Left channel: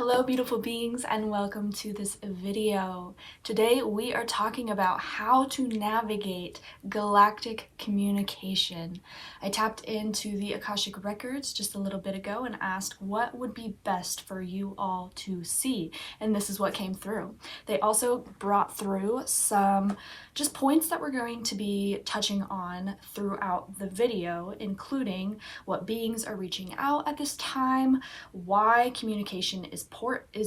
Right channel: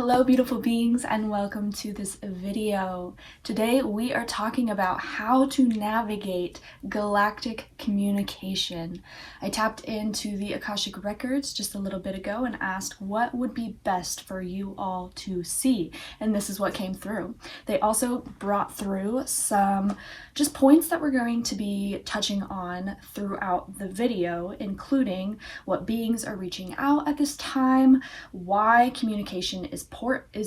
Hello beautiful beings and welcome to this video. Today we are talking about how to navigate galactic communication. I tapped into the Akashic Records just a little bit ago and asked what would be best for you all to see, and this is what came through. They also brought through some just points that we're going to be touching on throughout the video, including what beings are reaching out at this time, why communication is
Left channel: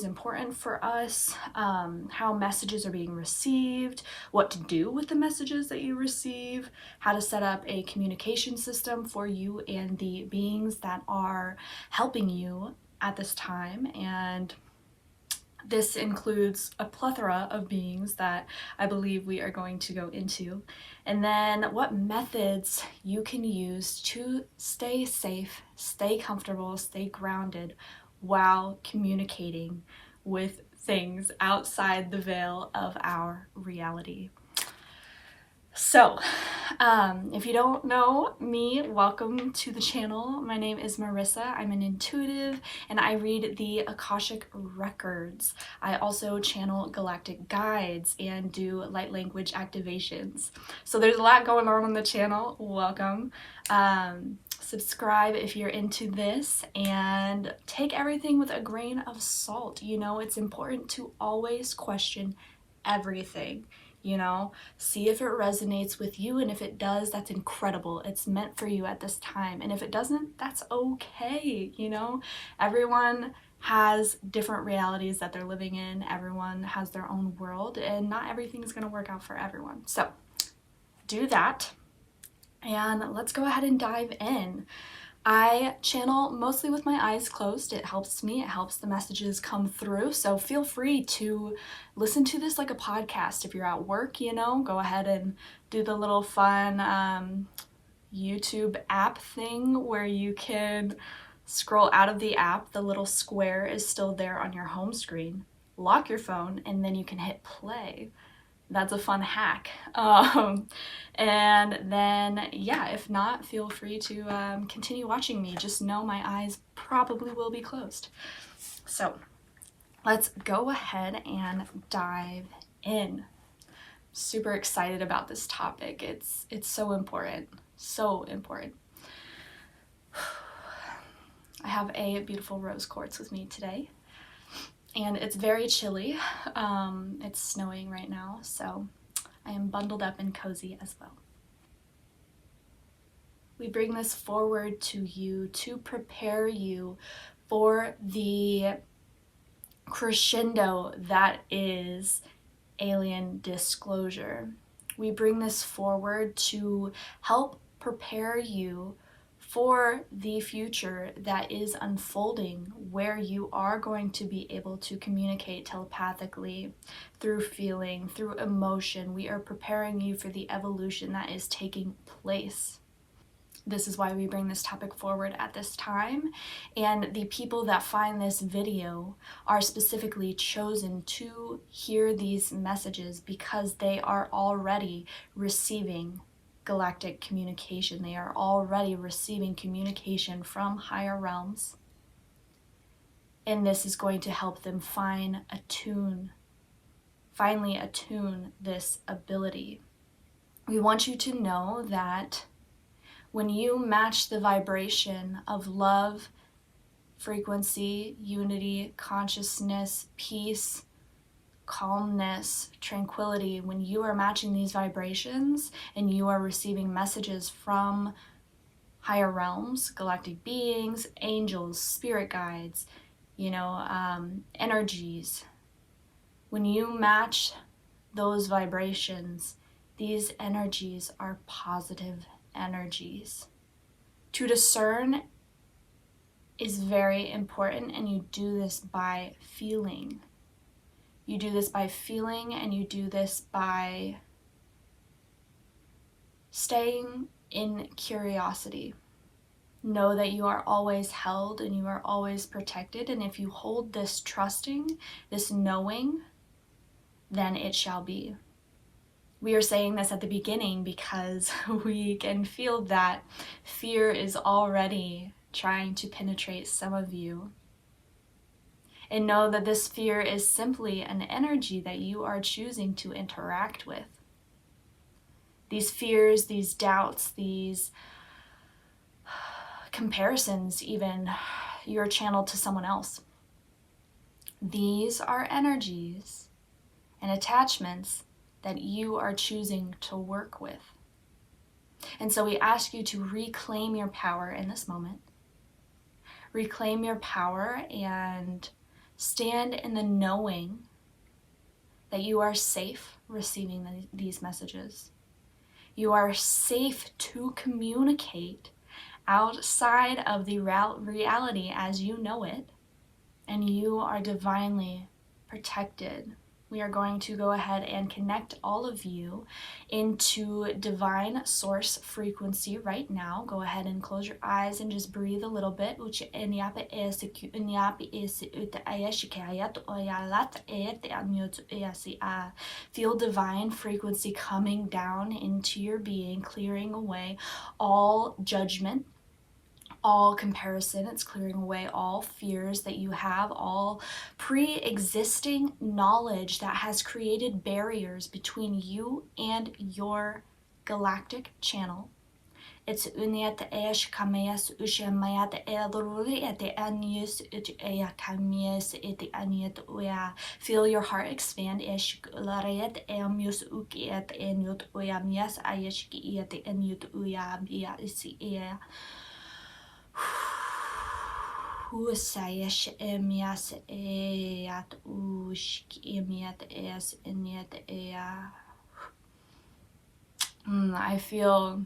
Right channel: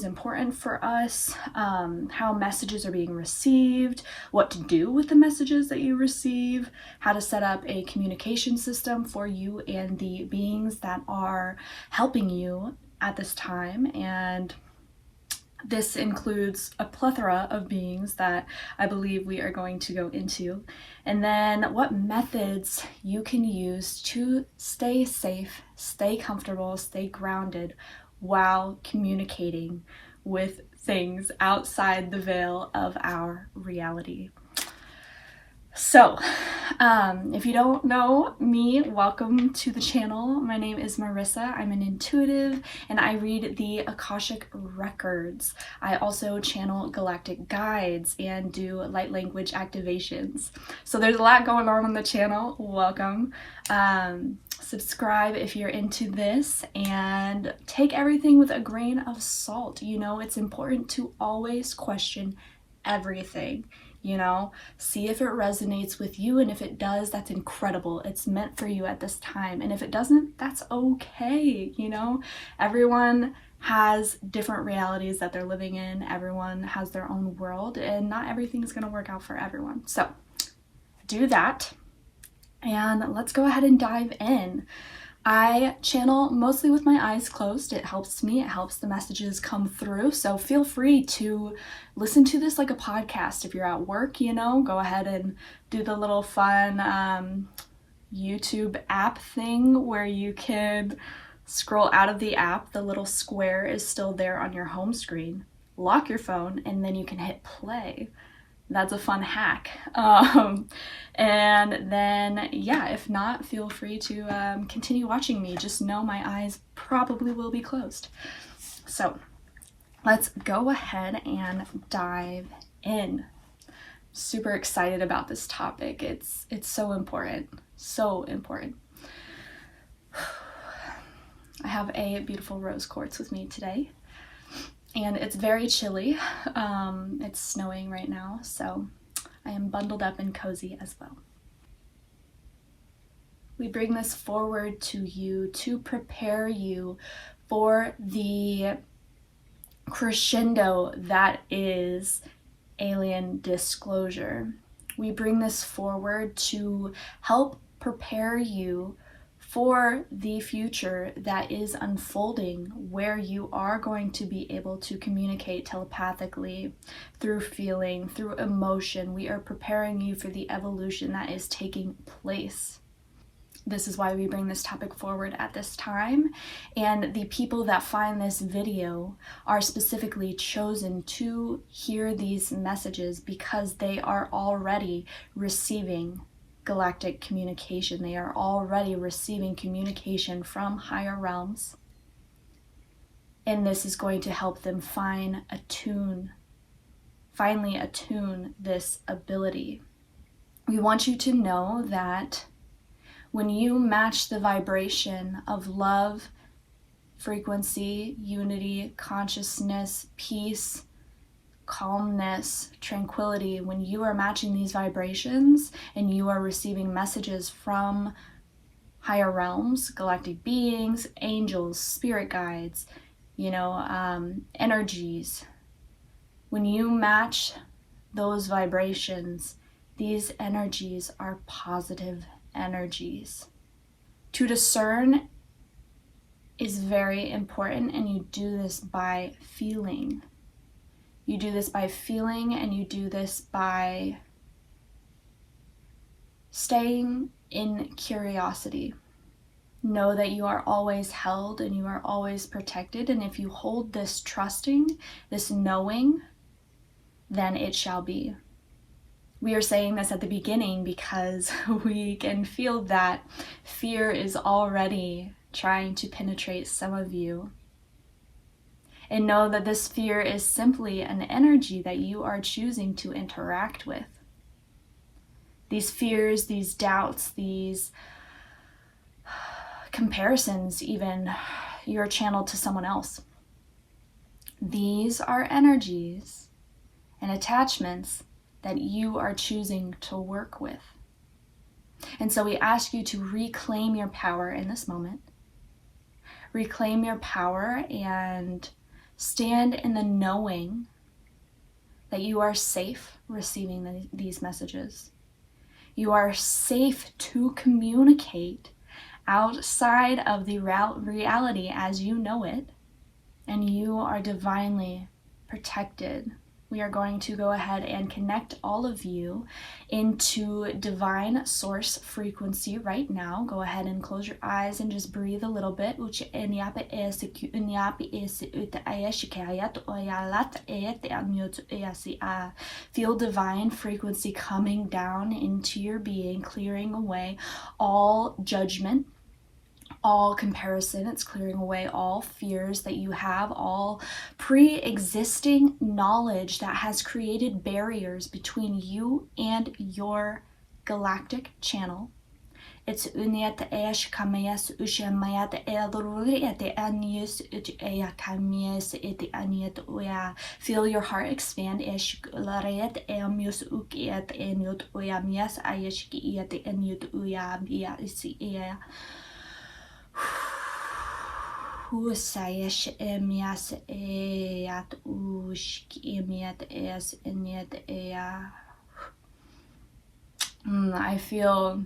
important for us, how messages are being received, what to do with the messages that you receive, how to set up a communication system for you and the beings that are helping you at this time. And this includes a plethora of beings that I believe we are going to go into. And then what methods you can use to stay safe, stay comfortable, stay grounded while communicating with things outside the veil of our reality. So, if you don't know me, welcome to the channel. My name is Marissa. I'm an intuitive and I read the Akashic Records. I also channel galactic guides and do light language activations. So there's a lot going on the channel. Welcome. Subscribe if you're into this and take everything with a grain of salt. You know, it's important to always question everything. You know, see if it resonates with you, and if it does, that's incredible. It's meant for you at this time. And if it doesn't, that's okay. You know, everyone has different realities that they're living in. Everyone has their own world, and not everything is going to work out for everyone. So do that, and let's go ahead and dive in. I channel mostly with my eyes closed. It helps me, it helps the messages come through. So feel free to listen to this like a podcast. If you're at work, you know, go ahead and do the little fun YouTube app thing where you can scroll out of the app. The little square is still there on your home screen. Lock your phone and then you can hit play. That's a fun hack. And then, yeah, if not, feel free to continue watching me. Just know my eyes probably will be closed. So let's go ahead and dive in. Super excited about this topic. It's so important. So important. I have a beautiful rose quartz with me today. And it's very chilly. It's snowing right now, so I am bundled up and cozy as well. We bring this forward to you to prepare you for the crescendo that is alien disclosure. We bring this forward to help prepare you for the future that is unfolding, where you are going to be able to communicate telepathically, through feeling, through emotion. We are preparing you for the evolution that is taking place. This is why we bring this topic forward at this time, and the people that find this video are specifically chosen to hear these messages because they are already receiving galactic communication. They are already receiving communication from higher realms, and this is going to help them finally attune this ability. We want you to know that when you match the vibration of love, frequency, unity, consciousness, peace, calmness, tranquility, when you are matching these vibrations and you are receiving messages from higher realms, galactic beings, angels, spirit guides, you know, energies, when you match those vibrations, these energies are positive energies. To discern is very important, and you do this by feeling. You do this by feeling, and you do this by staying in curiosity. Know that you are always held and you are always protected, and if you hold this trusting, this knowing, then it shall be. We are saying this at the beginning because we can feel that fear is already trying to penetrate some of you. And know that this fear is simply an energy that you are choosing to interact with. These fears, these doubts, these comparisons, even, you're channeled to someone else. These are energies and attachments that you are choosing to work with. And so we ask you to reclaim your power in this moment. Reclaim your power and stand in the knowing that you are safe receiving these messages. You are safe to communicate outside of the reality as you know it, and you are divinely protected. We are going to go ahead and connect all of you into divine source frequency right now. Go ahead and close your eyes and just breathe a little bit. Feel divine frequency coming down into your being, clearing away all judgment, all comparison. It's clearing away all fears that you have, all pre-existing knowledge that has created barriers between you and your galactic channel. It's feel your heart expand. I feel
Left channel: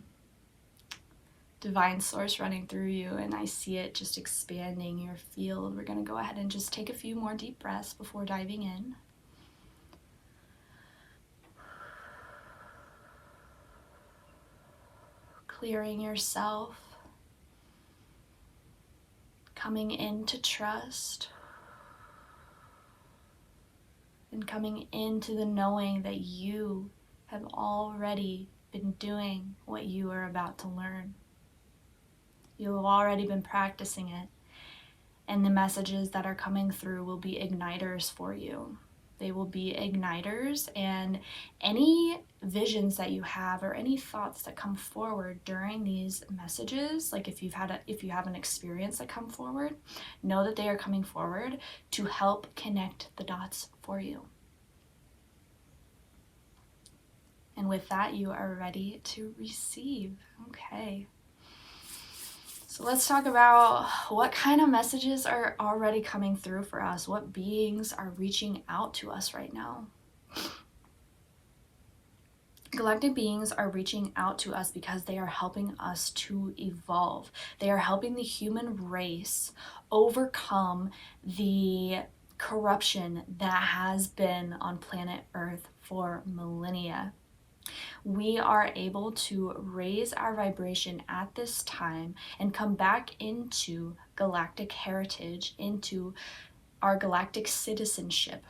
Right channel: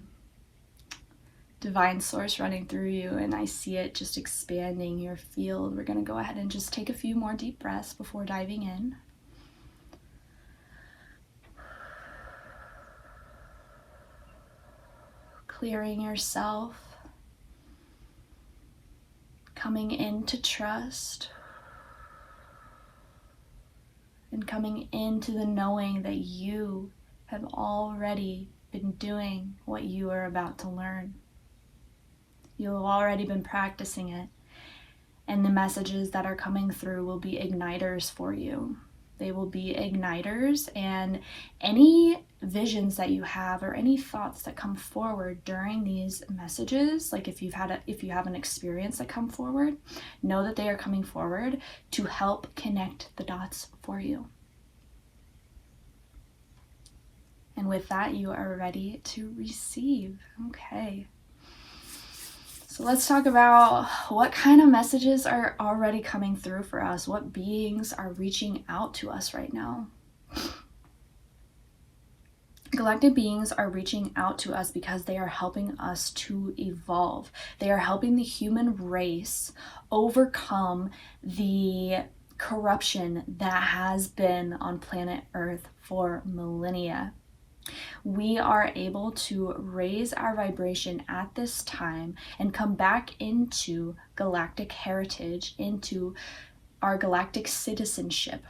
divine source running through you, and I see it just expanding your field. We're going to go ahead and just take a few more deep breaths before diving in. Clearing yourself, coming into trust, and coming into the knowing that you have already been doing what you are about to learn. You have already been practicing it, and the messages that are coming through will be igniters for you. They will be igniters, and any visions that you have or any thoughts that come forward during these messages, like if you have an experience that come forward, know that they are coming forward to help connect the dots for you. And with that, you are ready to receive. Okay. So let's talk about what kind of messages are already coming through for us. What beings are reaching out to us right now? Galactic beings are reaching out to us because they are helping us to evolve. They are helping the human race overcome the corruption that has been on planet Earth for millennia. We are able to raise our vibration at this time and come back into galactic heritage, into our galactic citizenship.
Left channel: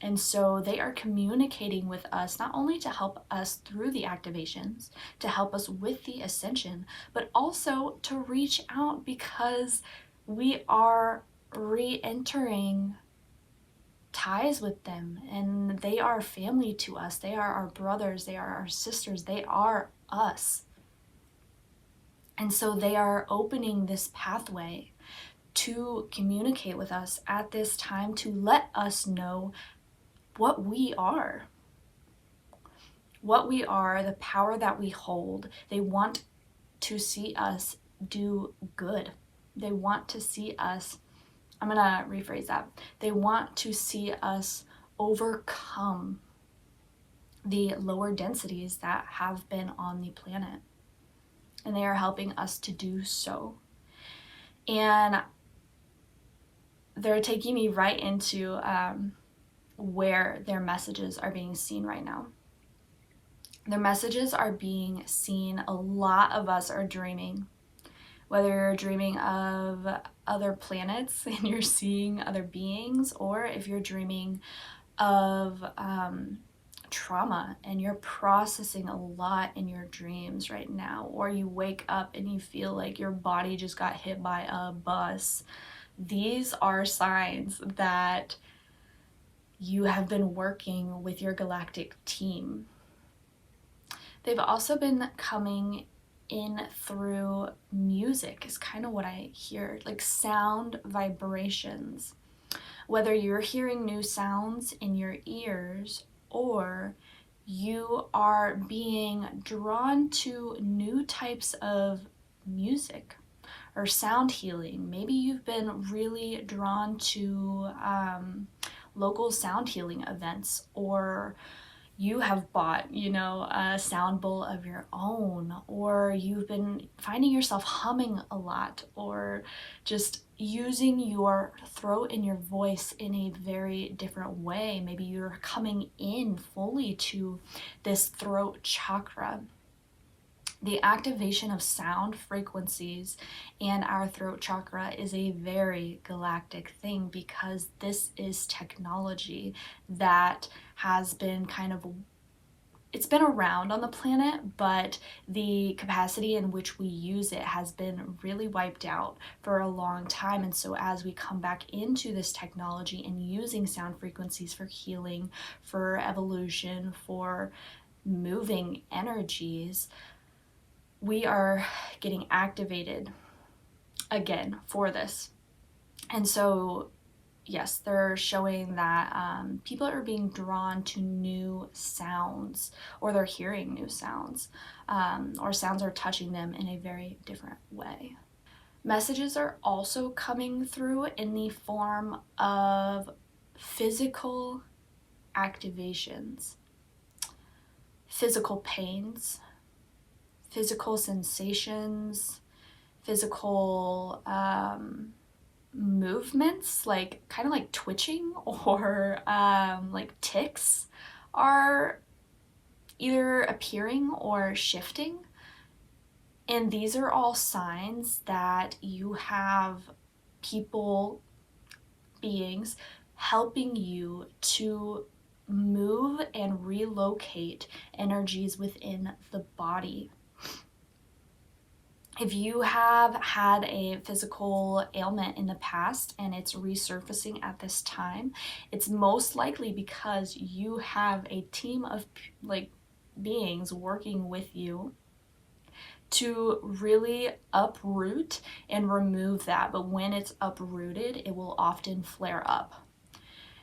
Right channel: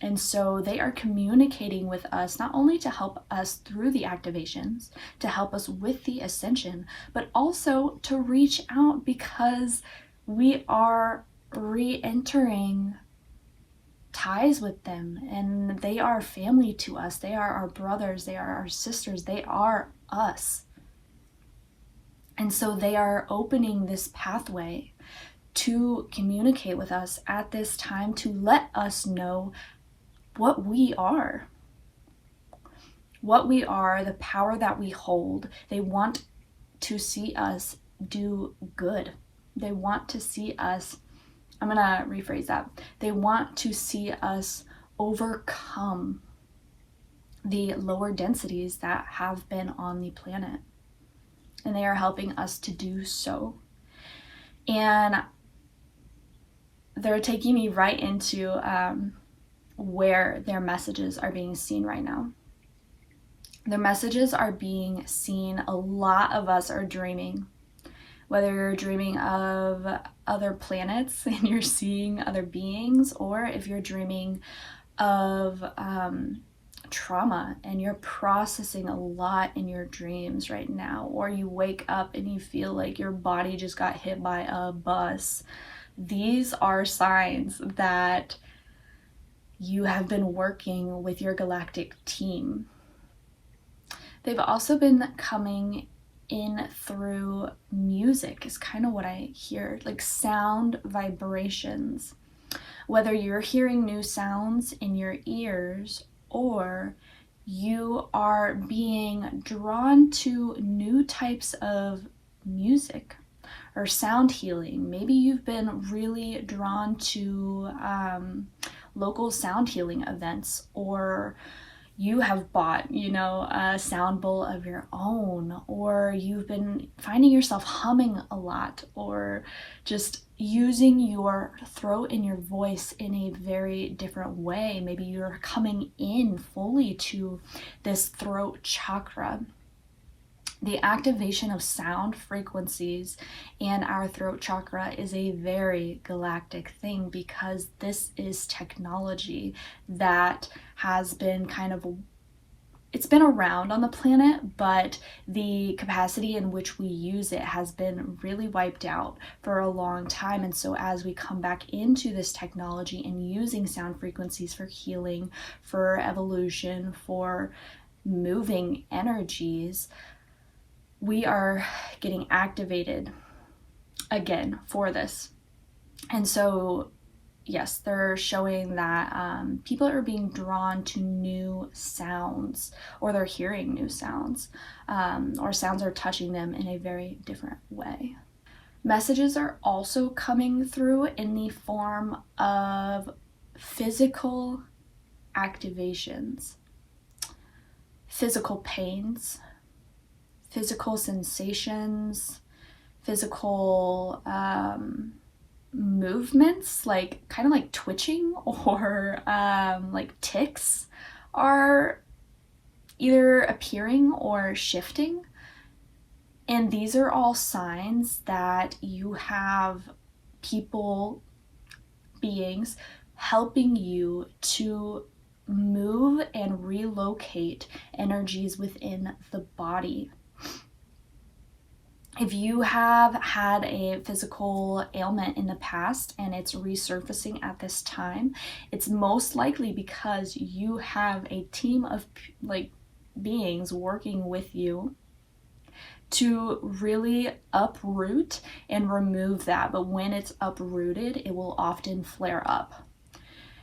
And so they are communicating with us not only to help us through the activations, to help us with the ascension, but also to reach out because we are re-entering ties with them, and they are family to us. They are our brothers, they are our sisters, they are us. And so they are opening this pathway to communicate with us at this time, to let us know what we are, the power that we hold. They want to see us do good. They want to see us, I'm going to rephrase that. They want to see us overcome the lower densities that have been on the planet. And they are helping us to do so. And they're taking me right into where their messages are being seen right now. Their messages are being seen. A lot of us are dreaming. Whether you're dreaming of other planets and you're seeing other beings, or if you're dreaming of trauma and you're processing a lot in your dreams right now, or you wake up and you feel like your body just got hit by a bus. these are signs that you have been working with your galactic team. They've also been coming in through music, is kind of what I hear, like sound vibrations. Whether you're hearing new sounds in your ears or you are being drawn to new types of music or sound healing. Maybe you've been really drawn to local sound healing events, or you have bought, a sound bowl of your own, or you've been finding yourself humming a lot, or just using your throat and your voice in a very different way. Maybe you're coming in fully to this throat chakra. The activation of sound frequencies and our throat chakra is a very galactic thing, because this is technology that has been it's been around on the planet, but the capacity in which we use it has been really wiped out for a long time. And so as we come back into this technology and using sound frequencies for healing, for evolution, for moving energies, we are getting activated again for this. And so, yes, they're showing that people are being drawn to new sounds, or they're hearing new sounds, or sounds are touching them in a very different way. Messages are also coming through in the form of physical activations, physical pains, physical sensations, physical movements, like kind of like twitching or like tics are either appearing or shifting. And these are all signs that you have people, beings, helping you to move and relocate energies within the body. If you have had a physical ailment in the past and it's resurfacing at this time, it's most likely because you have a team of beings working with you to really uproot and remove that. But when it's uprooted, it will often flare up.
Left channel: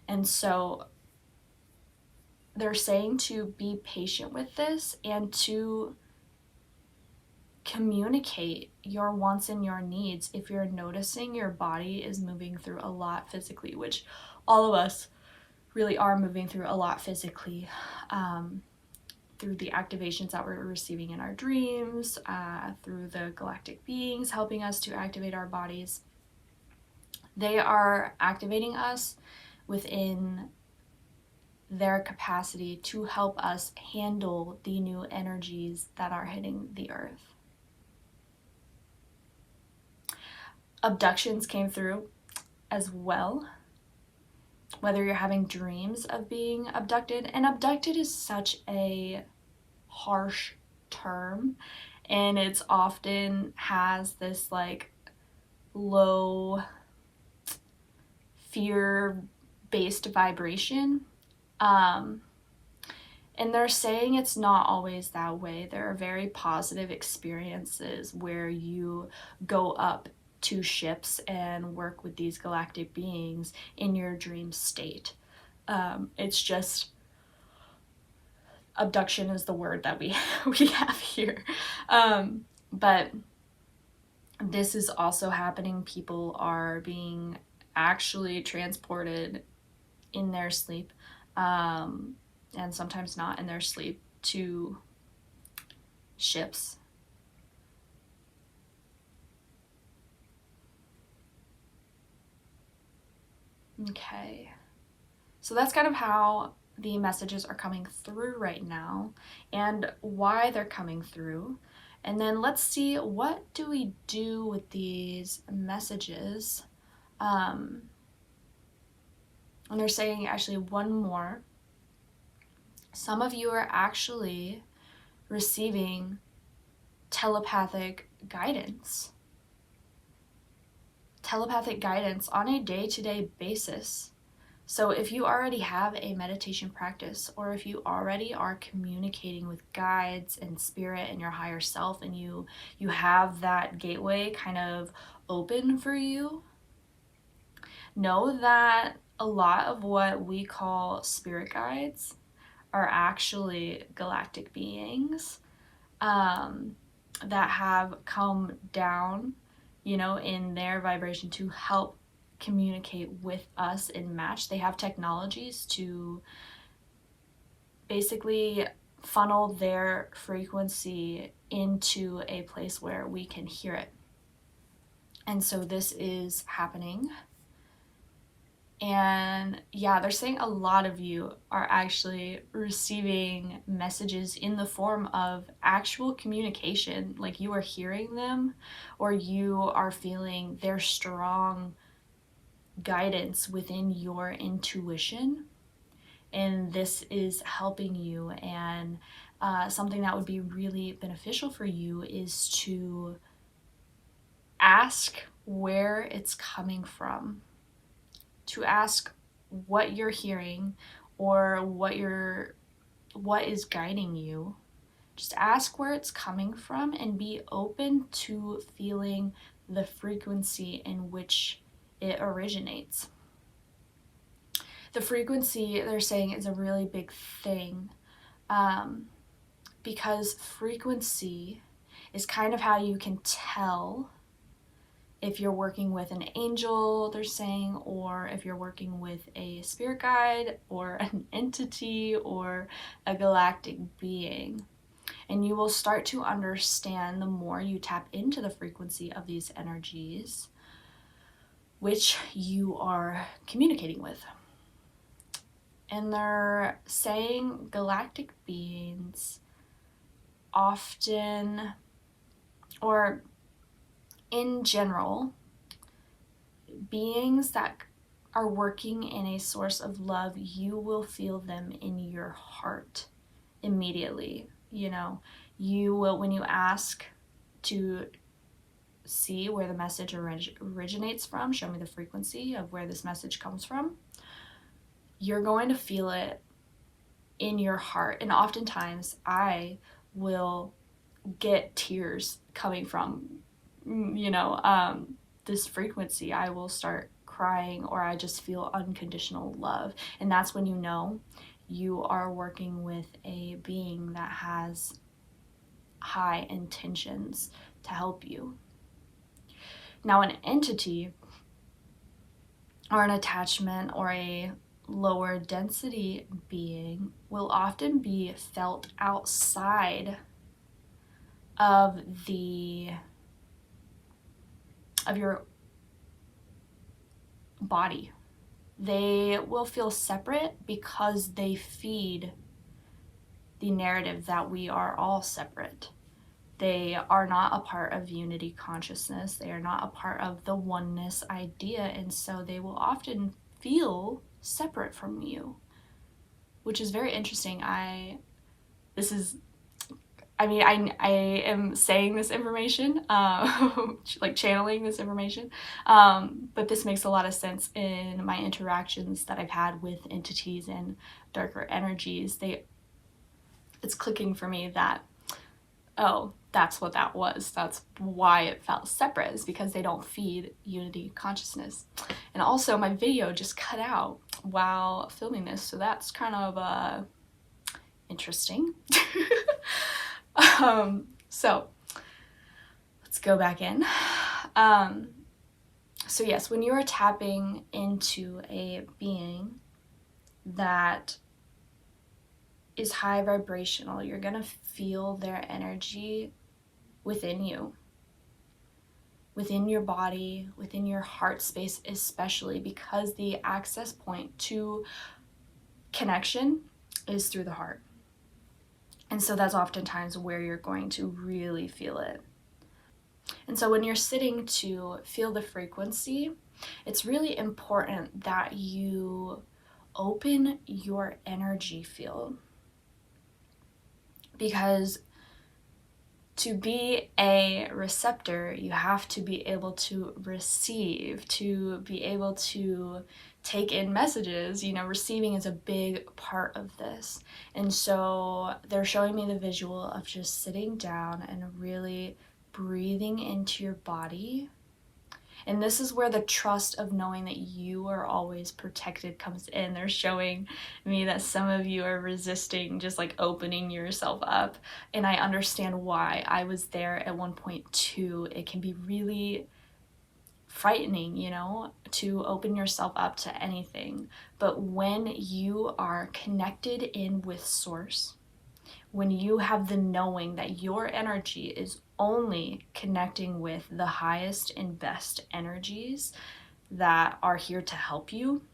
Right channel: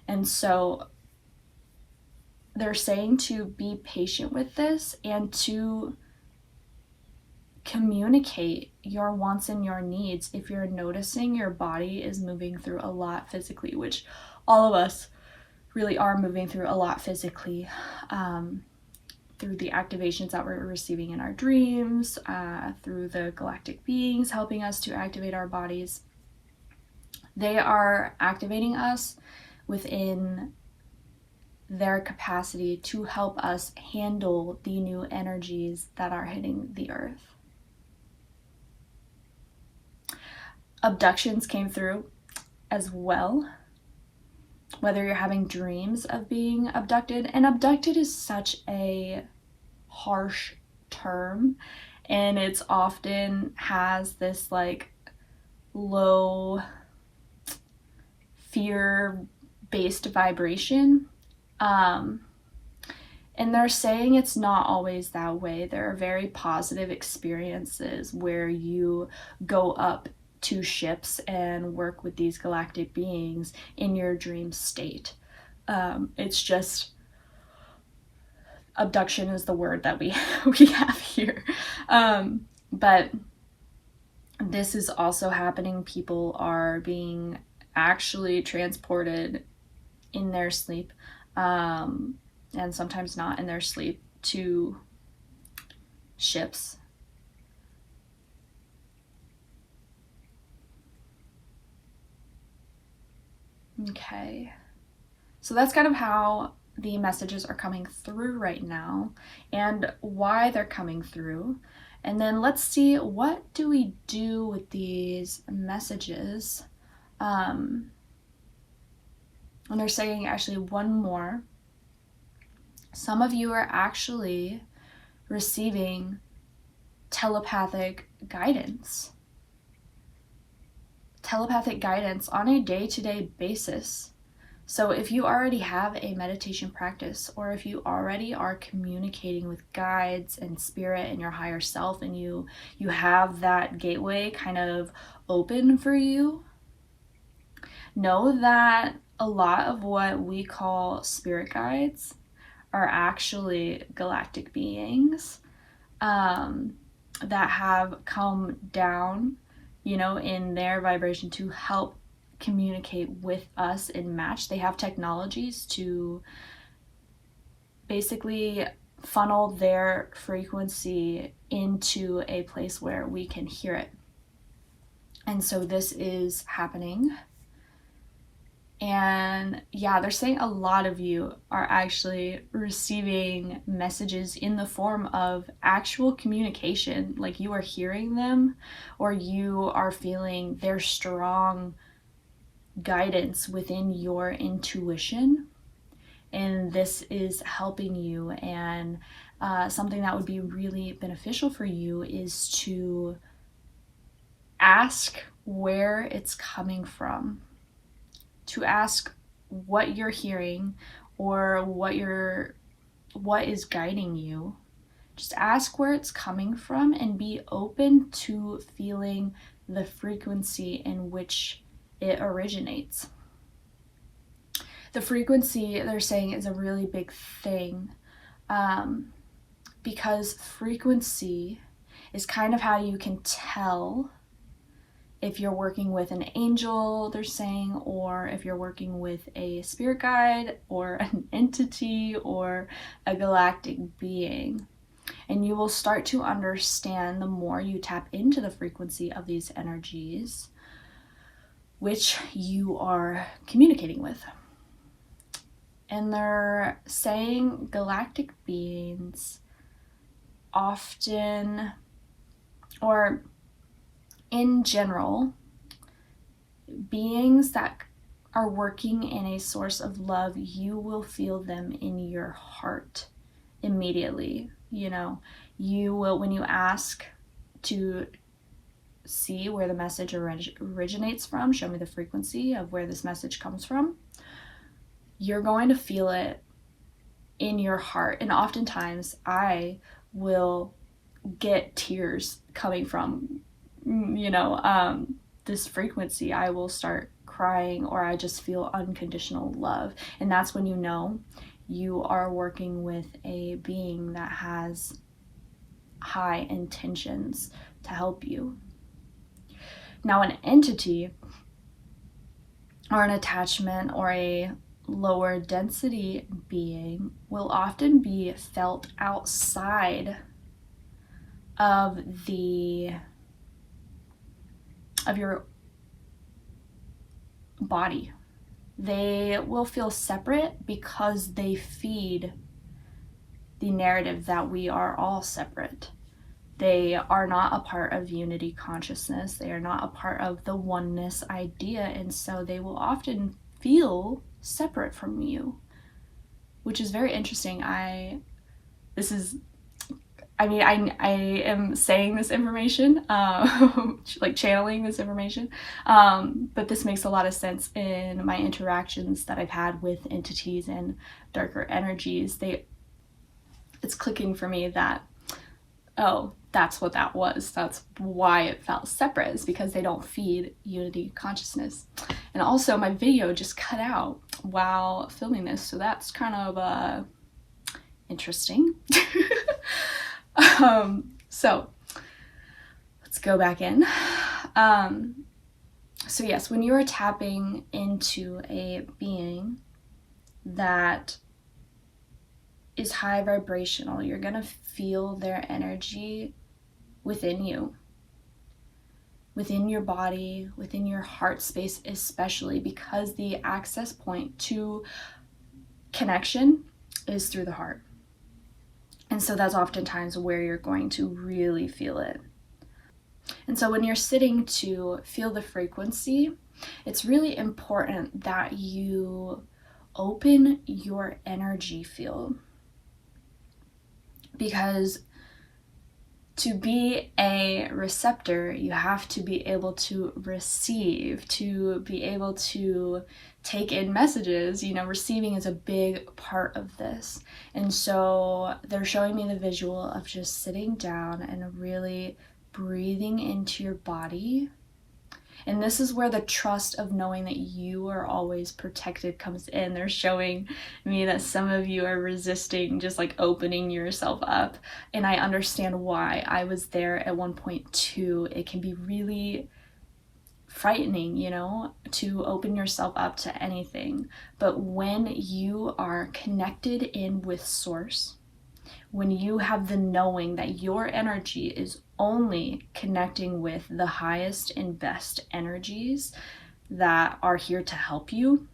And so they're saying to be patient with this and to communicate your wants and your needs if you're noticing your body is moving through a lot physically, which all of us really are moving through a lot physically, through the activations that we're receiving in our dreams, through the galactic beings helping us to activate our bodies. They are activating us within their capacity to help us handle the new energies that are hitting the earth. Abductions came through as well, whether you're having dreams of being abducted. And abducted is such a harsh term, and it's often has this like low fear-based vibration. And they're saying it's not always that way. There are very positive experiences where you go up to ships and work with these galactic beings in your dream state. It's just, abduction is the word that we have here. But this is also happening. People are being actually transported in their sleep, and sometimes not in their sleep, to ships. Okay, so that's kind of how the messages are coming through right now and why they're coming through. And then let's see, what do we do with these messages? And they're saying actually one more. Some of you are actually receiving telepathic guidance. telepathic guidance on a day-to-day basis. So if you already have a meditation practice, or if you already are communicating with guides and spirit and your higher self, and you have that gateway kind of open for you, know that a lot of what we call spirit guides are actually galactic beings that have come down, in their vibration to help communicate with us and match. They have technologies to basically funnel their frequency into a place where we can hear it. And so this is happening. And yeah, they're saying a lot of you are actually receiving messages in the form of actual communication, like you are hearing them, or you are feeling their strong guidance within your intuition, and this is helping you. And something that would be really beneficial for you is to ask where it's coming from, to ask what you're hearing or what is guiding you. Just ask where it's coming from and be open to feeling the frequency in which it originates. The frequency, they're saying, is a really big thing, because frequency is kind of how you can tell if you're working with an angel, they're saying, or if you're working with a spirit guide or an entity or a galactic being. And you will start to understand the more you tap into the frequency of these energies which you are communicating with. And they're saying galactic beings often, or in general, beings that are working in a source of love, you will feel them in your heart immediately. You will, when you ask to see where the message originates from, show me the frequency of where this message comes from, you're going to feel it in your heart. And oftentimes I will get tears coming from this frequency. I will start crying, or I just feel unconditional love. And that's when you are working with a being that has high intentions to help you. Now, an entity or an attachment or a lower density being will often be felt outside of your body. They will feel separate because they feed the narrative that we are all separate. They are not a part of unity consciousness. They are not a part of the oneness idea, and so they will often feel separate from you, which is very interesting. I am saying this information, like channeling this information, but this makes a lot of sense in my interactions that I've had with entities and darker energies. It's clicking for me that, oh, that's what that was. That's why it felt separate, is because they don't feed unity consciousness. And also my video just cut out while filming this, so that's kind of interesting. So let's go back in. So yes, when you are tapping into a being that is high vibrational, you're gonna feel their energy within you, within your body, within your heart space, especially because the access point to connection is through the heart. And so that's oftentimes where you're going to really feel it. And so when you're sitting to feel the frequency, it's really important that you open your energy field, because to be a receptor, you have to be able to receive, to be able to take in messages. You know, receiving is a big part of this. And so they're showing me the visual of just sitting down and really breathing into your body. And this is where the trust of knowing that you are always protected comes in. They're showing me that some of you are resisting just like opening yourself up. And I understand why. I was there at one point too. It can be really frightening, you know, to open yourself up to anything. But when you are connected in with Source, when you have the knowing that your energy is only connecting with the highest and best energies that are here to help you,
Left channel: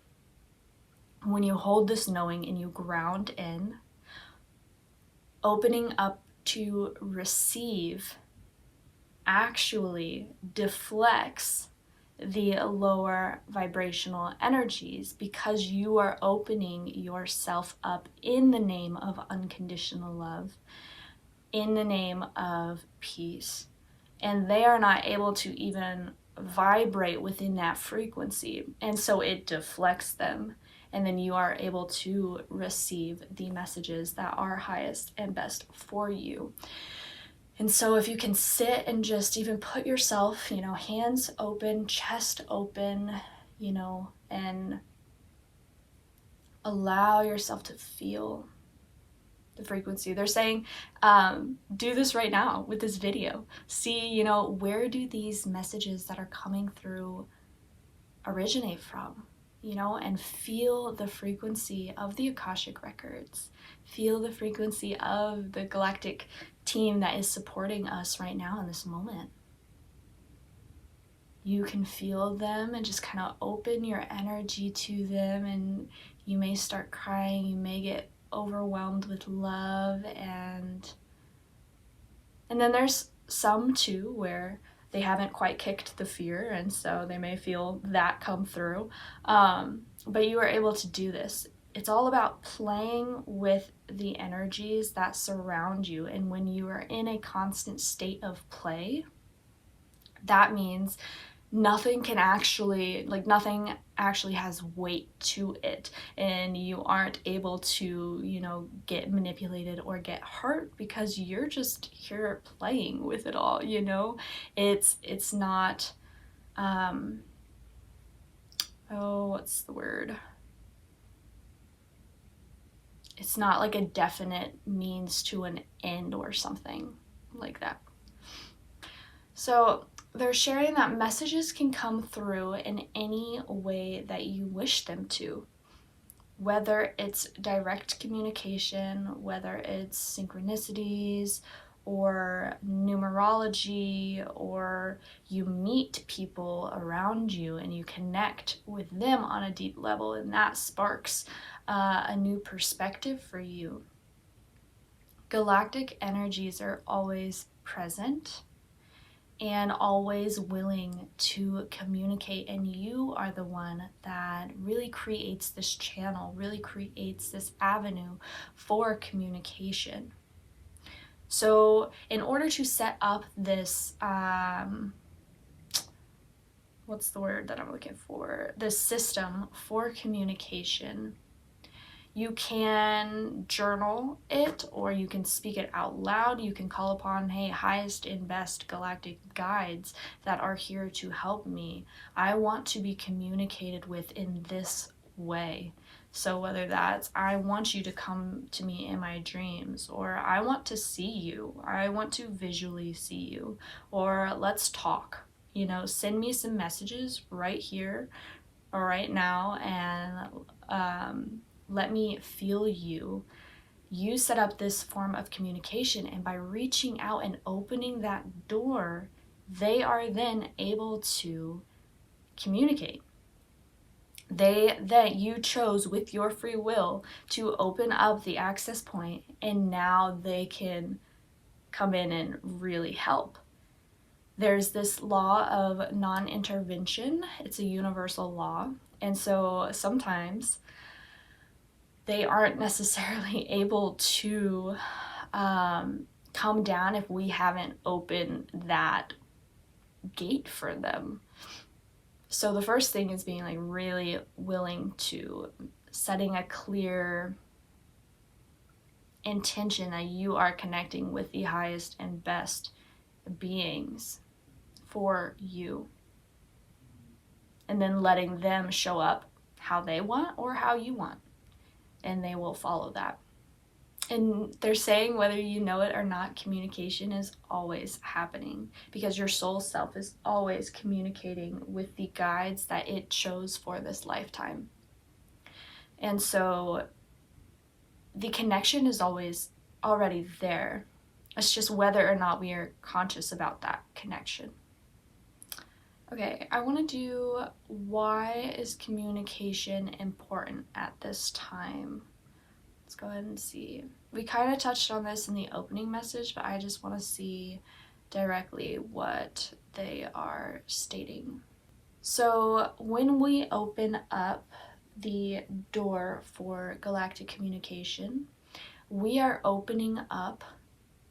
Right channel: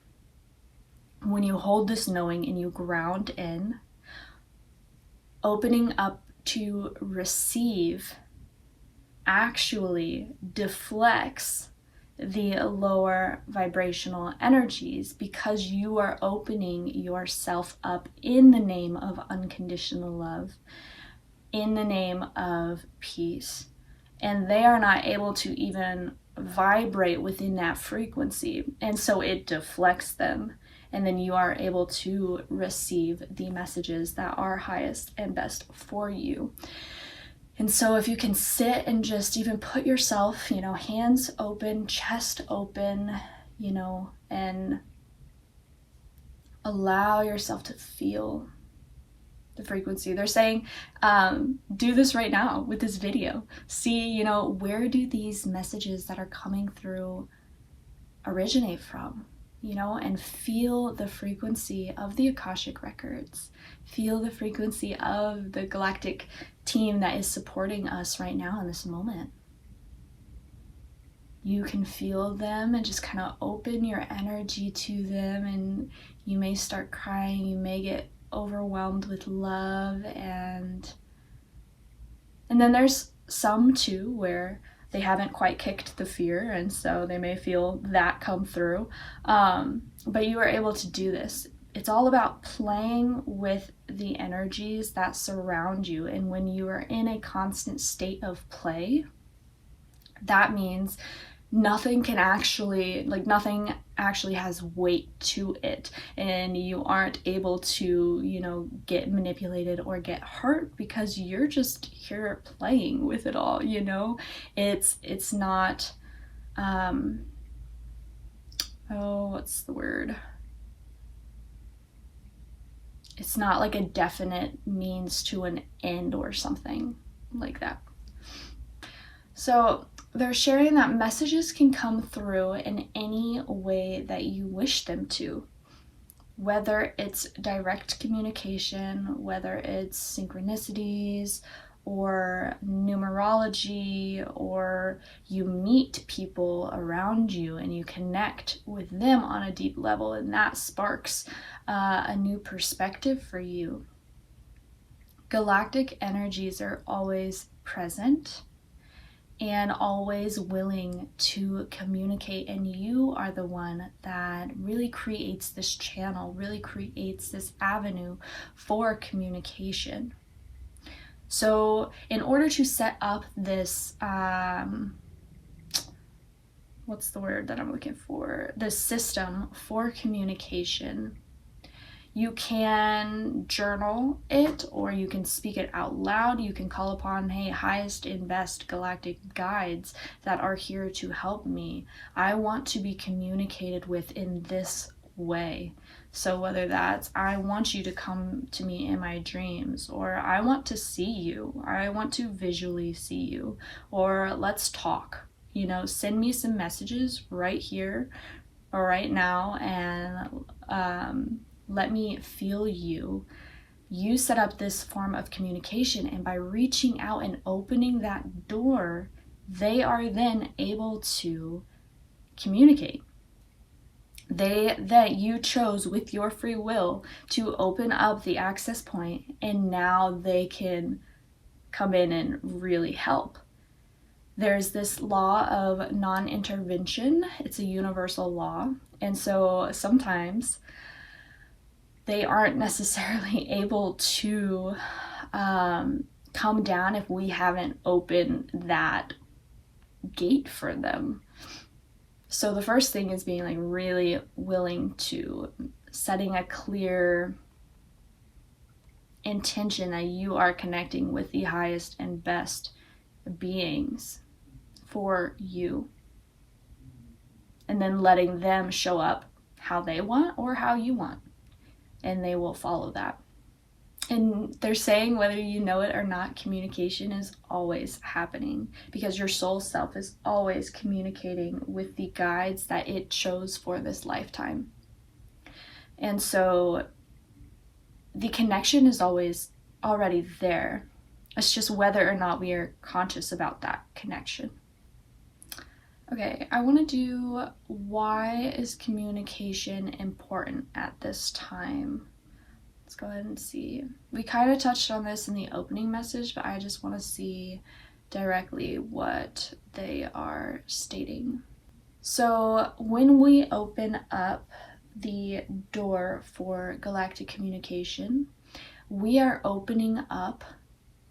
when you hold this knowing and you ground in, opening up to receive actually deflects the lower vibrational energies, because you are opening yourself up in the name of unconditional love, in the name of peace. And they are not able to even vibrate within that frequency. And so it deflects them. And then you are able to receive the messages that are highest and best for you. And so if you can sit and just even put yourself, you know, hands open, chest open, you know, and allow yourself to feel the frequency. They're saying, do this right now with this video. See, you know, where do these messages that are coming through originate from? You know, and feel the frequency of the Akashic Records. Feel the frequency of the Galactic team that is supporting us right now in this moment. You can feel them and just kind of open your energy to them, and you may start crying, you may get overwhelmed with love, and then there's some too where they haven't quite kicked the fear, and so they may feel that come through. But you are able to do this. It's all about playing with the energies that surround you. And when you are in a constant state of play, that means nothing actually has weight to it, and you aren't able to, you know, get manipulated or get hurt, because you're just here playing with it all, you know. It's not what's the word? It's not like a definite means to an end or something like that. So they're sharing that messages can come through in any way that you wish them to, whether it's direct communication, whether it's synchronicities or numerology, or you meet people around you and you connect with them on a deep level, and that sparks a new perspective for you. Galactic energies are always present and always willing to communicate, and you are the one that really creates this channel, really creates this avenue for communication. So in order to set up this what's the word that I'm looking for? This system for communication, you can journal it, or you can speak it out loud. You can call upon, hey, highest and best galactic guides that are here to help me. I want to be communicated with in this way. So whether that's, I want you to come to me in my dreams, or I want to see you, or I want to visually see you, or let's talk, you know, send me some messages right here or right now, and let me feel you. You set up this form of communication, and by reaching out and opening that door, they are then able to communicate. That you chose with your free will to open up the access point, and now they can come in and really help. There's this law of non-intervention. It's a universal law, and so sometimes they aren't necessarily able to come down if we haven't opened that gate for them. So the first thing is being like really willing to setting a clear intention that you are connecting with the highest and best beings for you, and then letting them show up how they want or how you want, and they will follow that. And they're saying, whether you know it or not, communication is always happening, because your soul self is always communicating with the guides that it chose for this lifetime. And so the connection is always already there. It's just whether or not we are conscious about that connection. Okay, I want to do, why is communication important at this time? Let's go ahead and see. We kind of touched on this in the opening message, but I just want to see directly what they are stating. So when we open up the door for galactic communication, we are opening up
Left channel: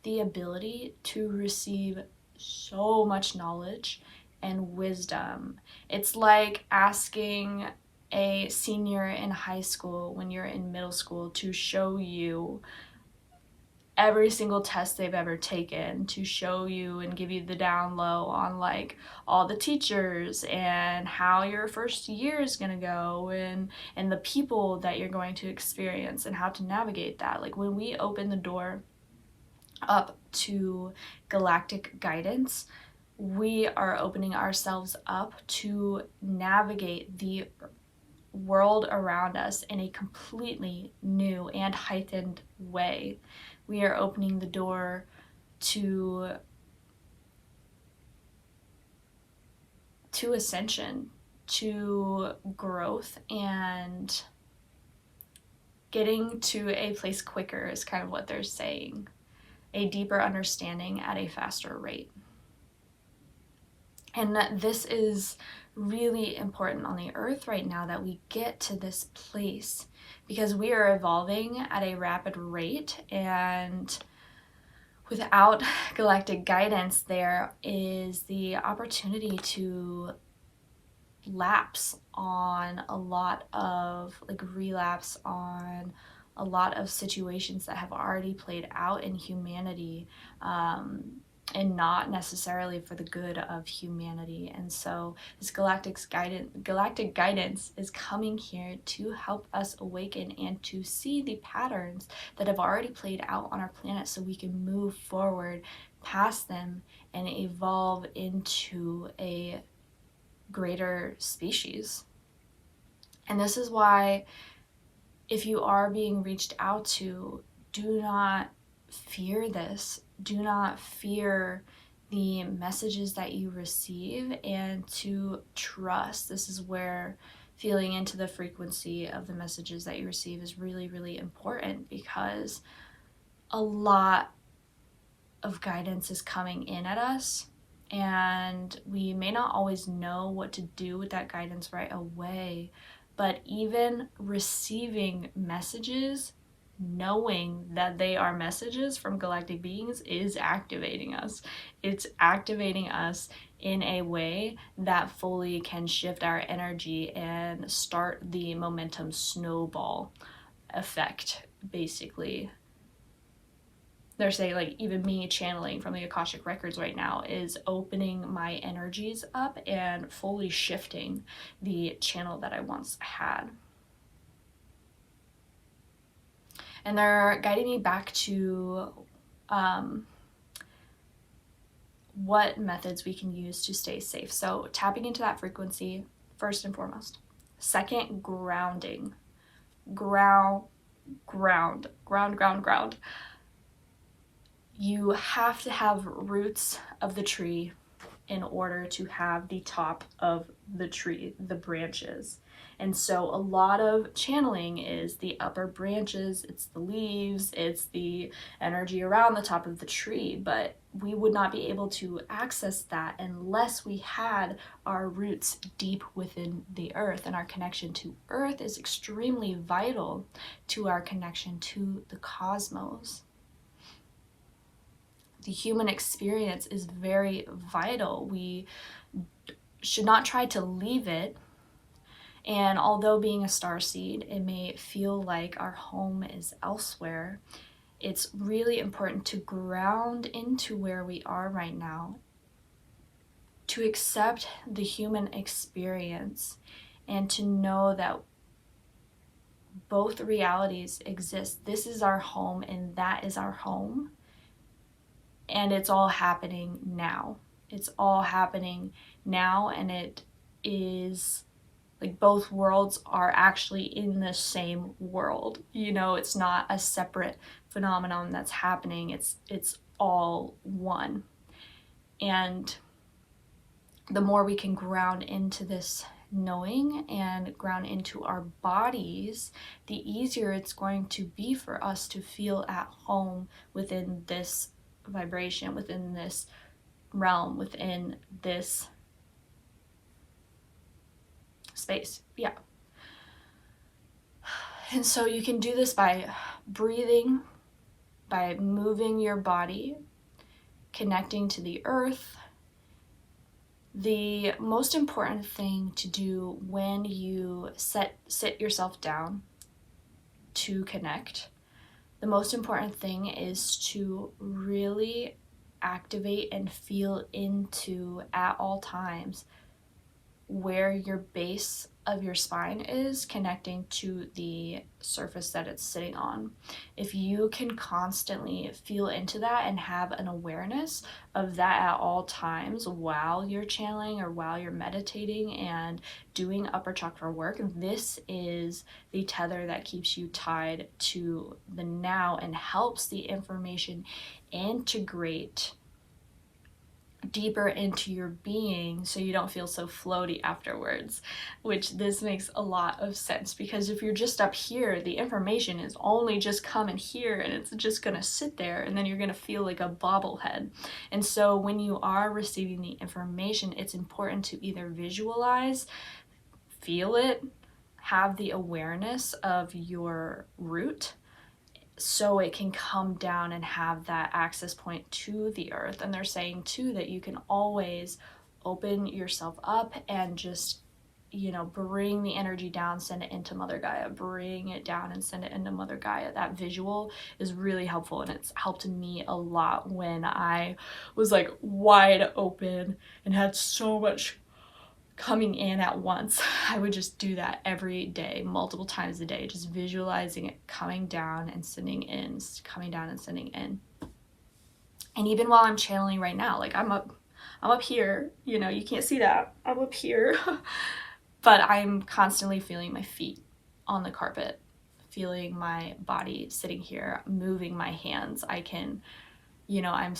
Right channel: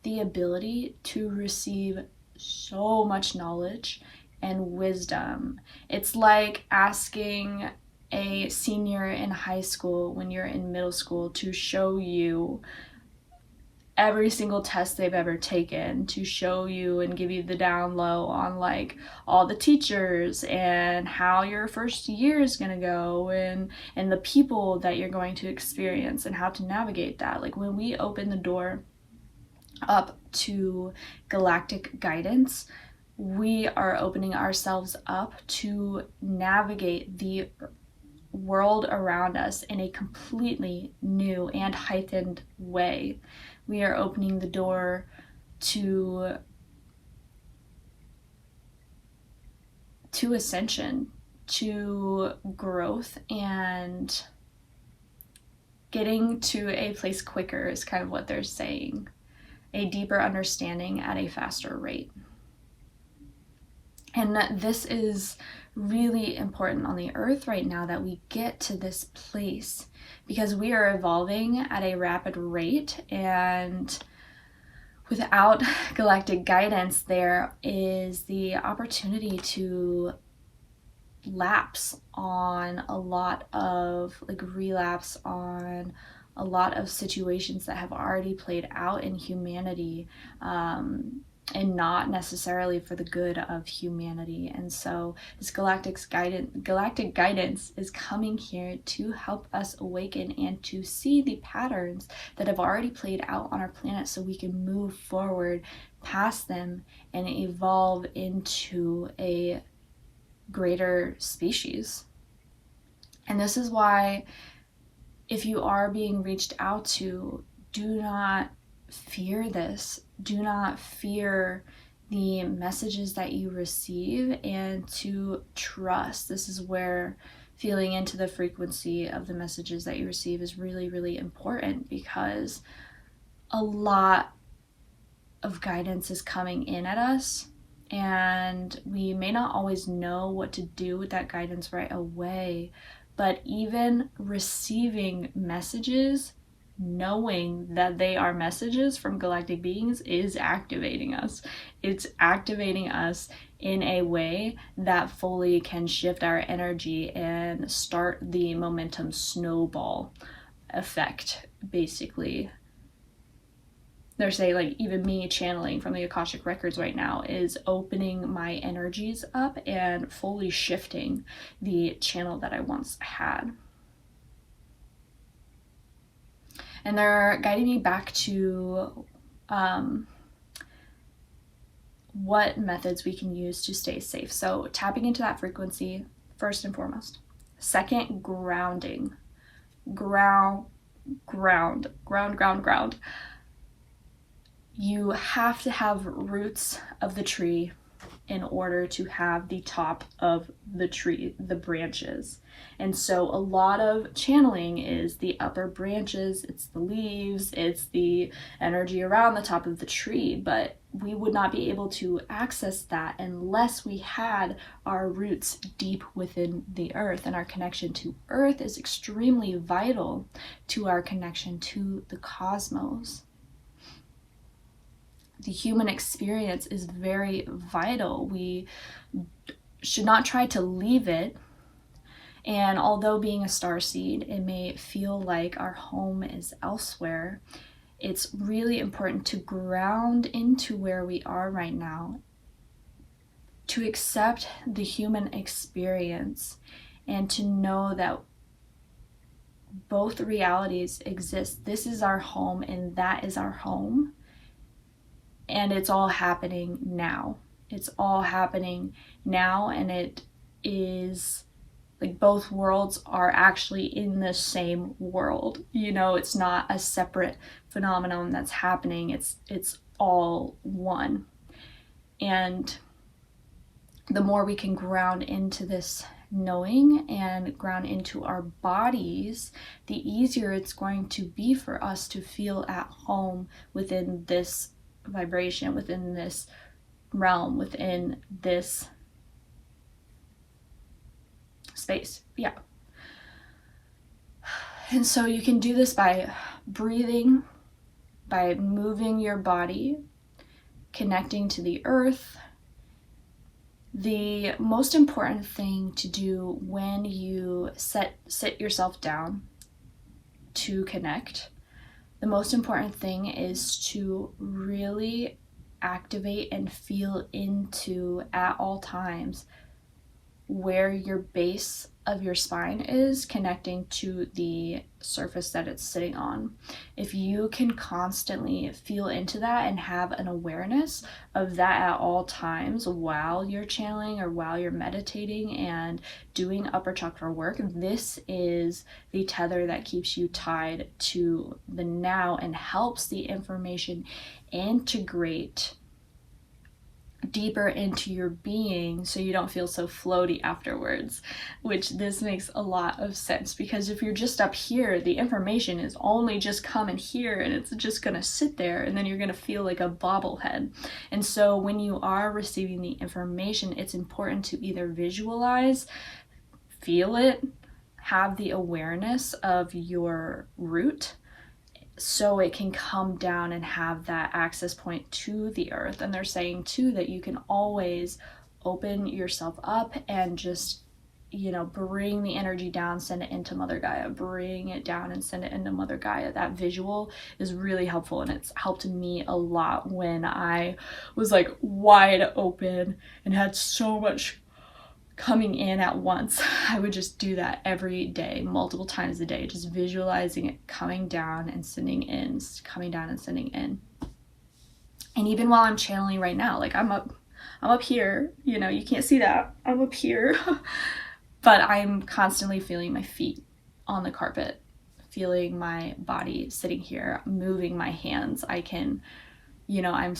the ability to receive so much knowledge and wisdom. It's like asking a senior in high school when you're in middle school to show you every single test they've ever taken, to show you and give you the down low on like all the teachers and how your first year is going to go, and the people that you're going to experience and how to navigate that. Like when we open the door up to galactic guidance, we are opening ourselves up to navigate the world around us in a completely new and heightened way. We are opening the door to ascension, to growth, and getting to a place quicker is kind of what they're saying. A deeper understanding at a faster rate. And this is really important on the earth right now, that we get to this place, because we are evolving at a rapid rate, and without galactic guidance, there is the opportunity to lapse on a lot of, like, relapse on a lot of situations that have already played out in humanity, and not necessarily for the good of humanity. And so this galactic guidance is coming here to help us awaken and to see the patterns that have already played out on our planet, so we can move forward past them and evolve into a greater species. And this is why, if you are being reached out to, do not fear this. Do not fear the messages that you receive, and to trust. This is where feeling into the frequency of the messages that you receive is really, really important, because a lot of guidance is coming in at us, and we may not always know what to do with that guidance right away, but even receiving messages, knowing that they are messages from galactic beings, is activating us. It's activating us in a way that fully can shift our energy and start the momentum snowball effect, basically. They're saying, like, even me channeling from the Akashic Records right now is opening my energies up and fully shifting the channel that I once had. And they're guiding me back to what methods we can use to stay safe. So tapping into that frequency, first and foremost. Second, grounding. Ground. You have to have roots of the tree in order to have the top of the tree, the branches. And so a lot of channeling is the upper branches, it's the leaves, it's the energy around the top of the tree, but we would not be able to access that unless we had our roots deep within the earth. And our connection to earth is extremely vital to our connection to the cosmos. the human experience is very vital. We should not try to leave it. And although being a starseed, it may feel like our home is elsewhere, it's really important to ground into where we are right now, to accept the human experience, and to know that both realities exist. This is our home and that is our home. And it's all happening now. It's all happening now, and it is like both worlds are actually in the same world. You know, it's not a separate phenomenon that's happening. It's all one. And the more we can ground into this knowing and ground into our bodies, the easier it's going to be for us to feel at home within this vibration, within this realm, within this space. Yeah. And so you can do this by breathing, by moving your body, connecting to the earth. The most important thing to do when you sit yourself down to connect, the most important thing is to really activate and feel into at all times where your base of your spine is connecting to the surface that it's sitting on. If you can constantly feel into that and have an awareness of that at all times while you're channeling or while you're meditating and doing upper chakra work, this is the tether that keeps you tied to the now and helps the information integrate deeper into your being so you don't feel so floaty afterwards, which this makes a lot of sense, because if you're just up here, the information is only just coming here and it's just gonna sit there, and then you're gonna feel like a bobblehead. And so when you are receiving the information, it's important to either visualize, feel it, have the awareness of your root, so it can come down and have that access point to the earth. And they're saying too that you can always open yourself up and just, you know, bring the energy down, send it into Mother Gaia, bring it down and send it into Mother Gaia. That visual is really helpful, and it's helped me a lot when I was like wide open and had so much coming in at once. I would just do that every day, multiple times a day, just visualizing it coming down and sending in, coming down and sending in. And even while I'm channeling right now, like I'm up here, you know, you can't see that, I'm up here, but I'm constantly feeling my feet on the carpet, feeling my body sitting here, moving my hands. I can, you know, I'm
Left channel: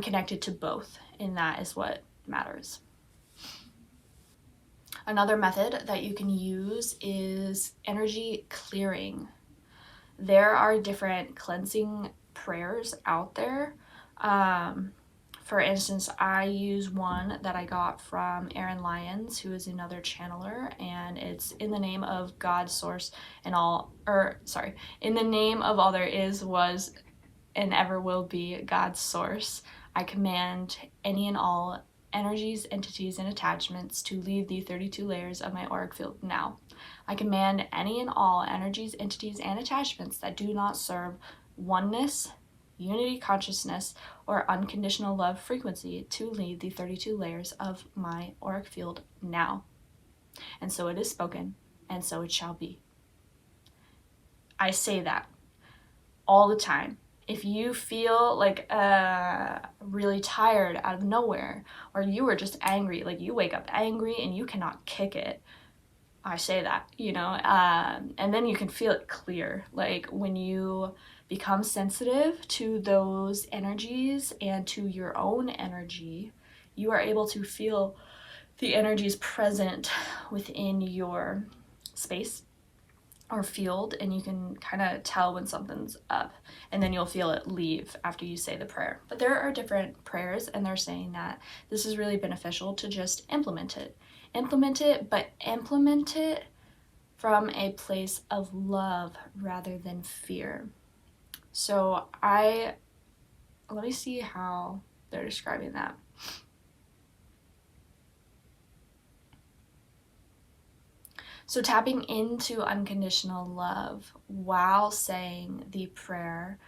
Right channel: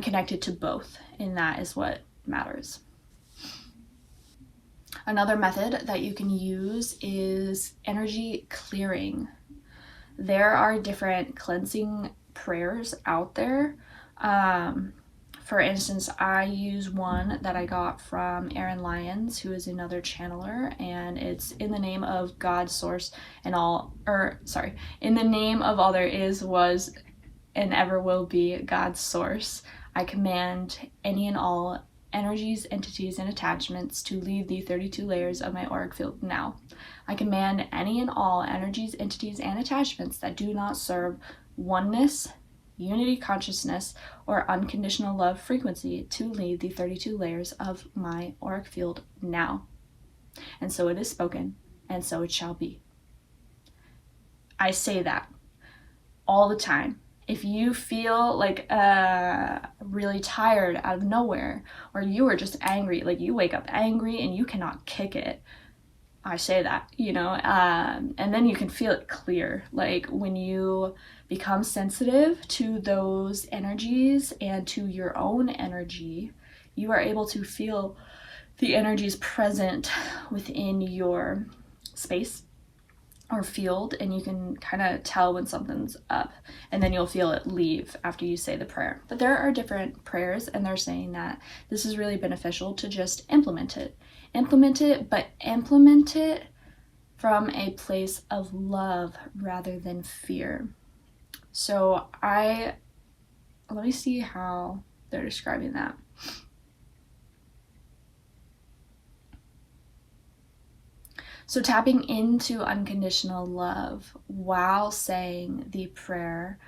connected to both, and that is what matters. Another method that you can use is energy clearing. There are different cleansing prayers out there. For instance, I use one that I got from Aaron Lyons, who is another channeler, and it's in the name of God, source, and all, in the name of all there is, was, and ever will be, God's source. I command any and all energies, entities, and attachments to leave the 32 layers of my auric field now. I command any and all energies, entities, and attachments that do not serve oneness, unity consciousness, or unconditional love frequency to leave the 32 layers of my auric field now. And so it is spoken, and so it shall be. I say that all the time. If you feel like really tired out of nowhere, or you are just angry, like you wake up angry and you cannot kick it, I say that, you know, and then you can feel it clear. Like when you become sensitive to those energies and to your own energy, you are able to feel the energies present within your space or field, and you can kind of tell when something's up, and then you'll feel it leave after you say the prayer. But there are different prayers, and they're saying that this is really beneficial to just implement it, but implement it from a place of love rather than fear. So I let me see how they're describing that. So tapping into unconditional love while saying the prayer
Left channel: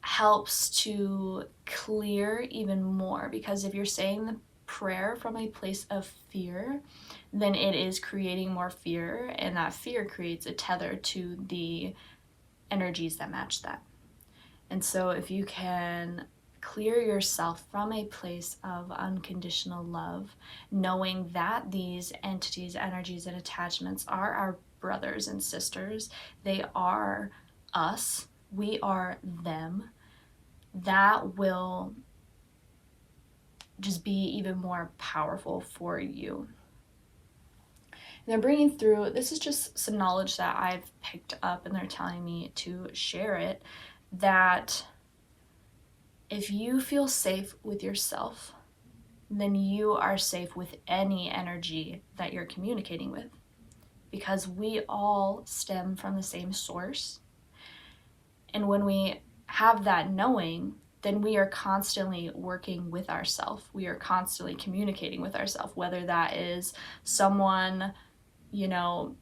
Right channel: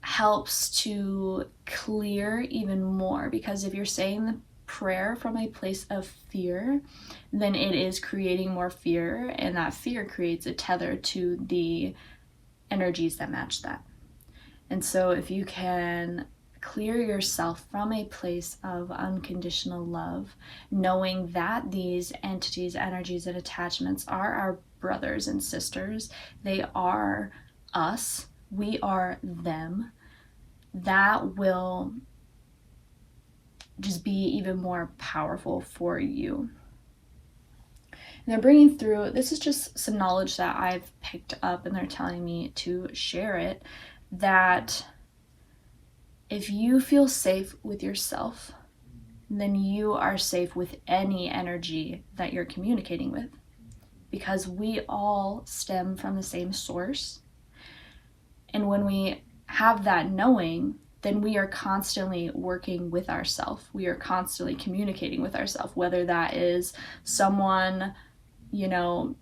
helps to clear even more, because if you're saying the prayer from a place of fear, then it is creating more fear, and that fear creates a tether to the energies that match that. And so if you can clear yourself from a place of unconditional love, knowing that these entities, energies, and attachments are our brothers and sisters, they are us, we are them, that will just be even more powerful for you. And they're bringing through, this is just some knowledge that I've picked up, and they're telling me to share it, that if you feel safe with yourself, then you are safe with any energy that you're communicating with, because we all stem from the same source. And when we have that knowing, then we are constantly working with ourselves. We are constantly communicating with ourselves, whether that is someone, you know,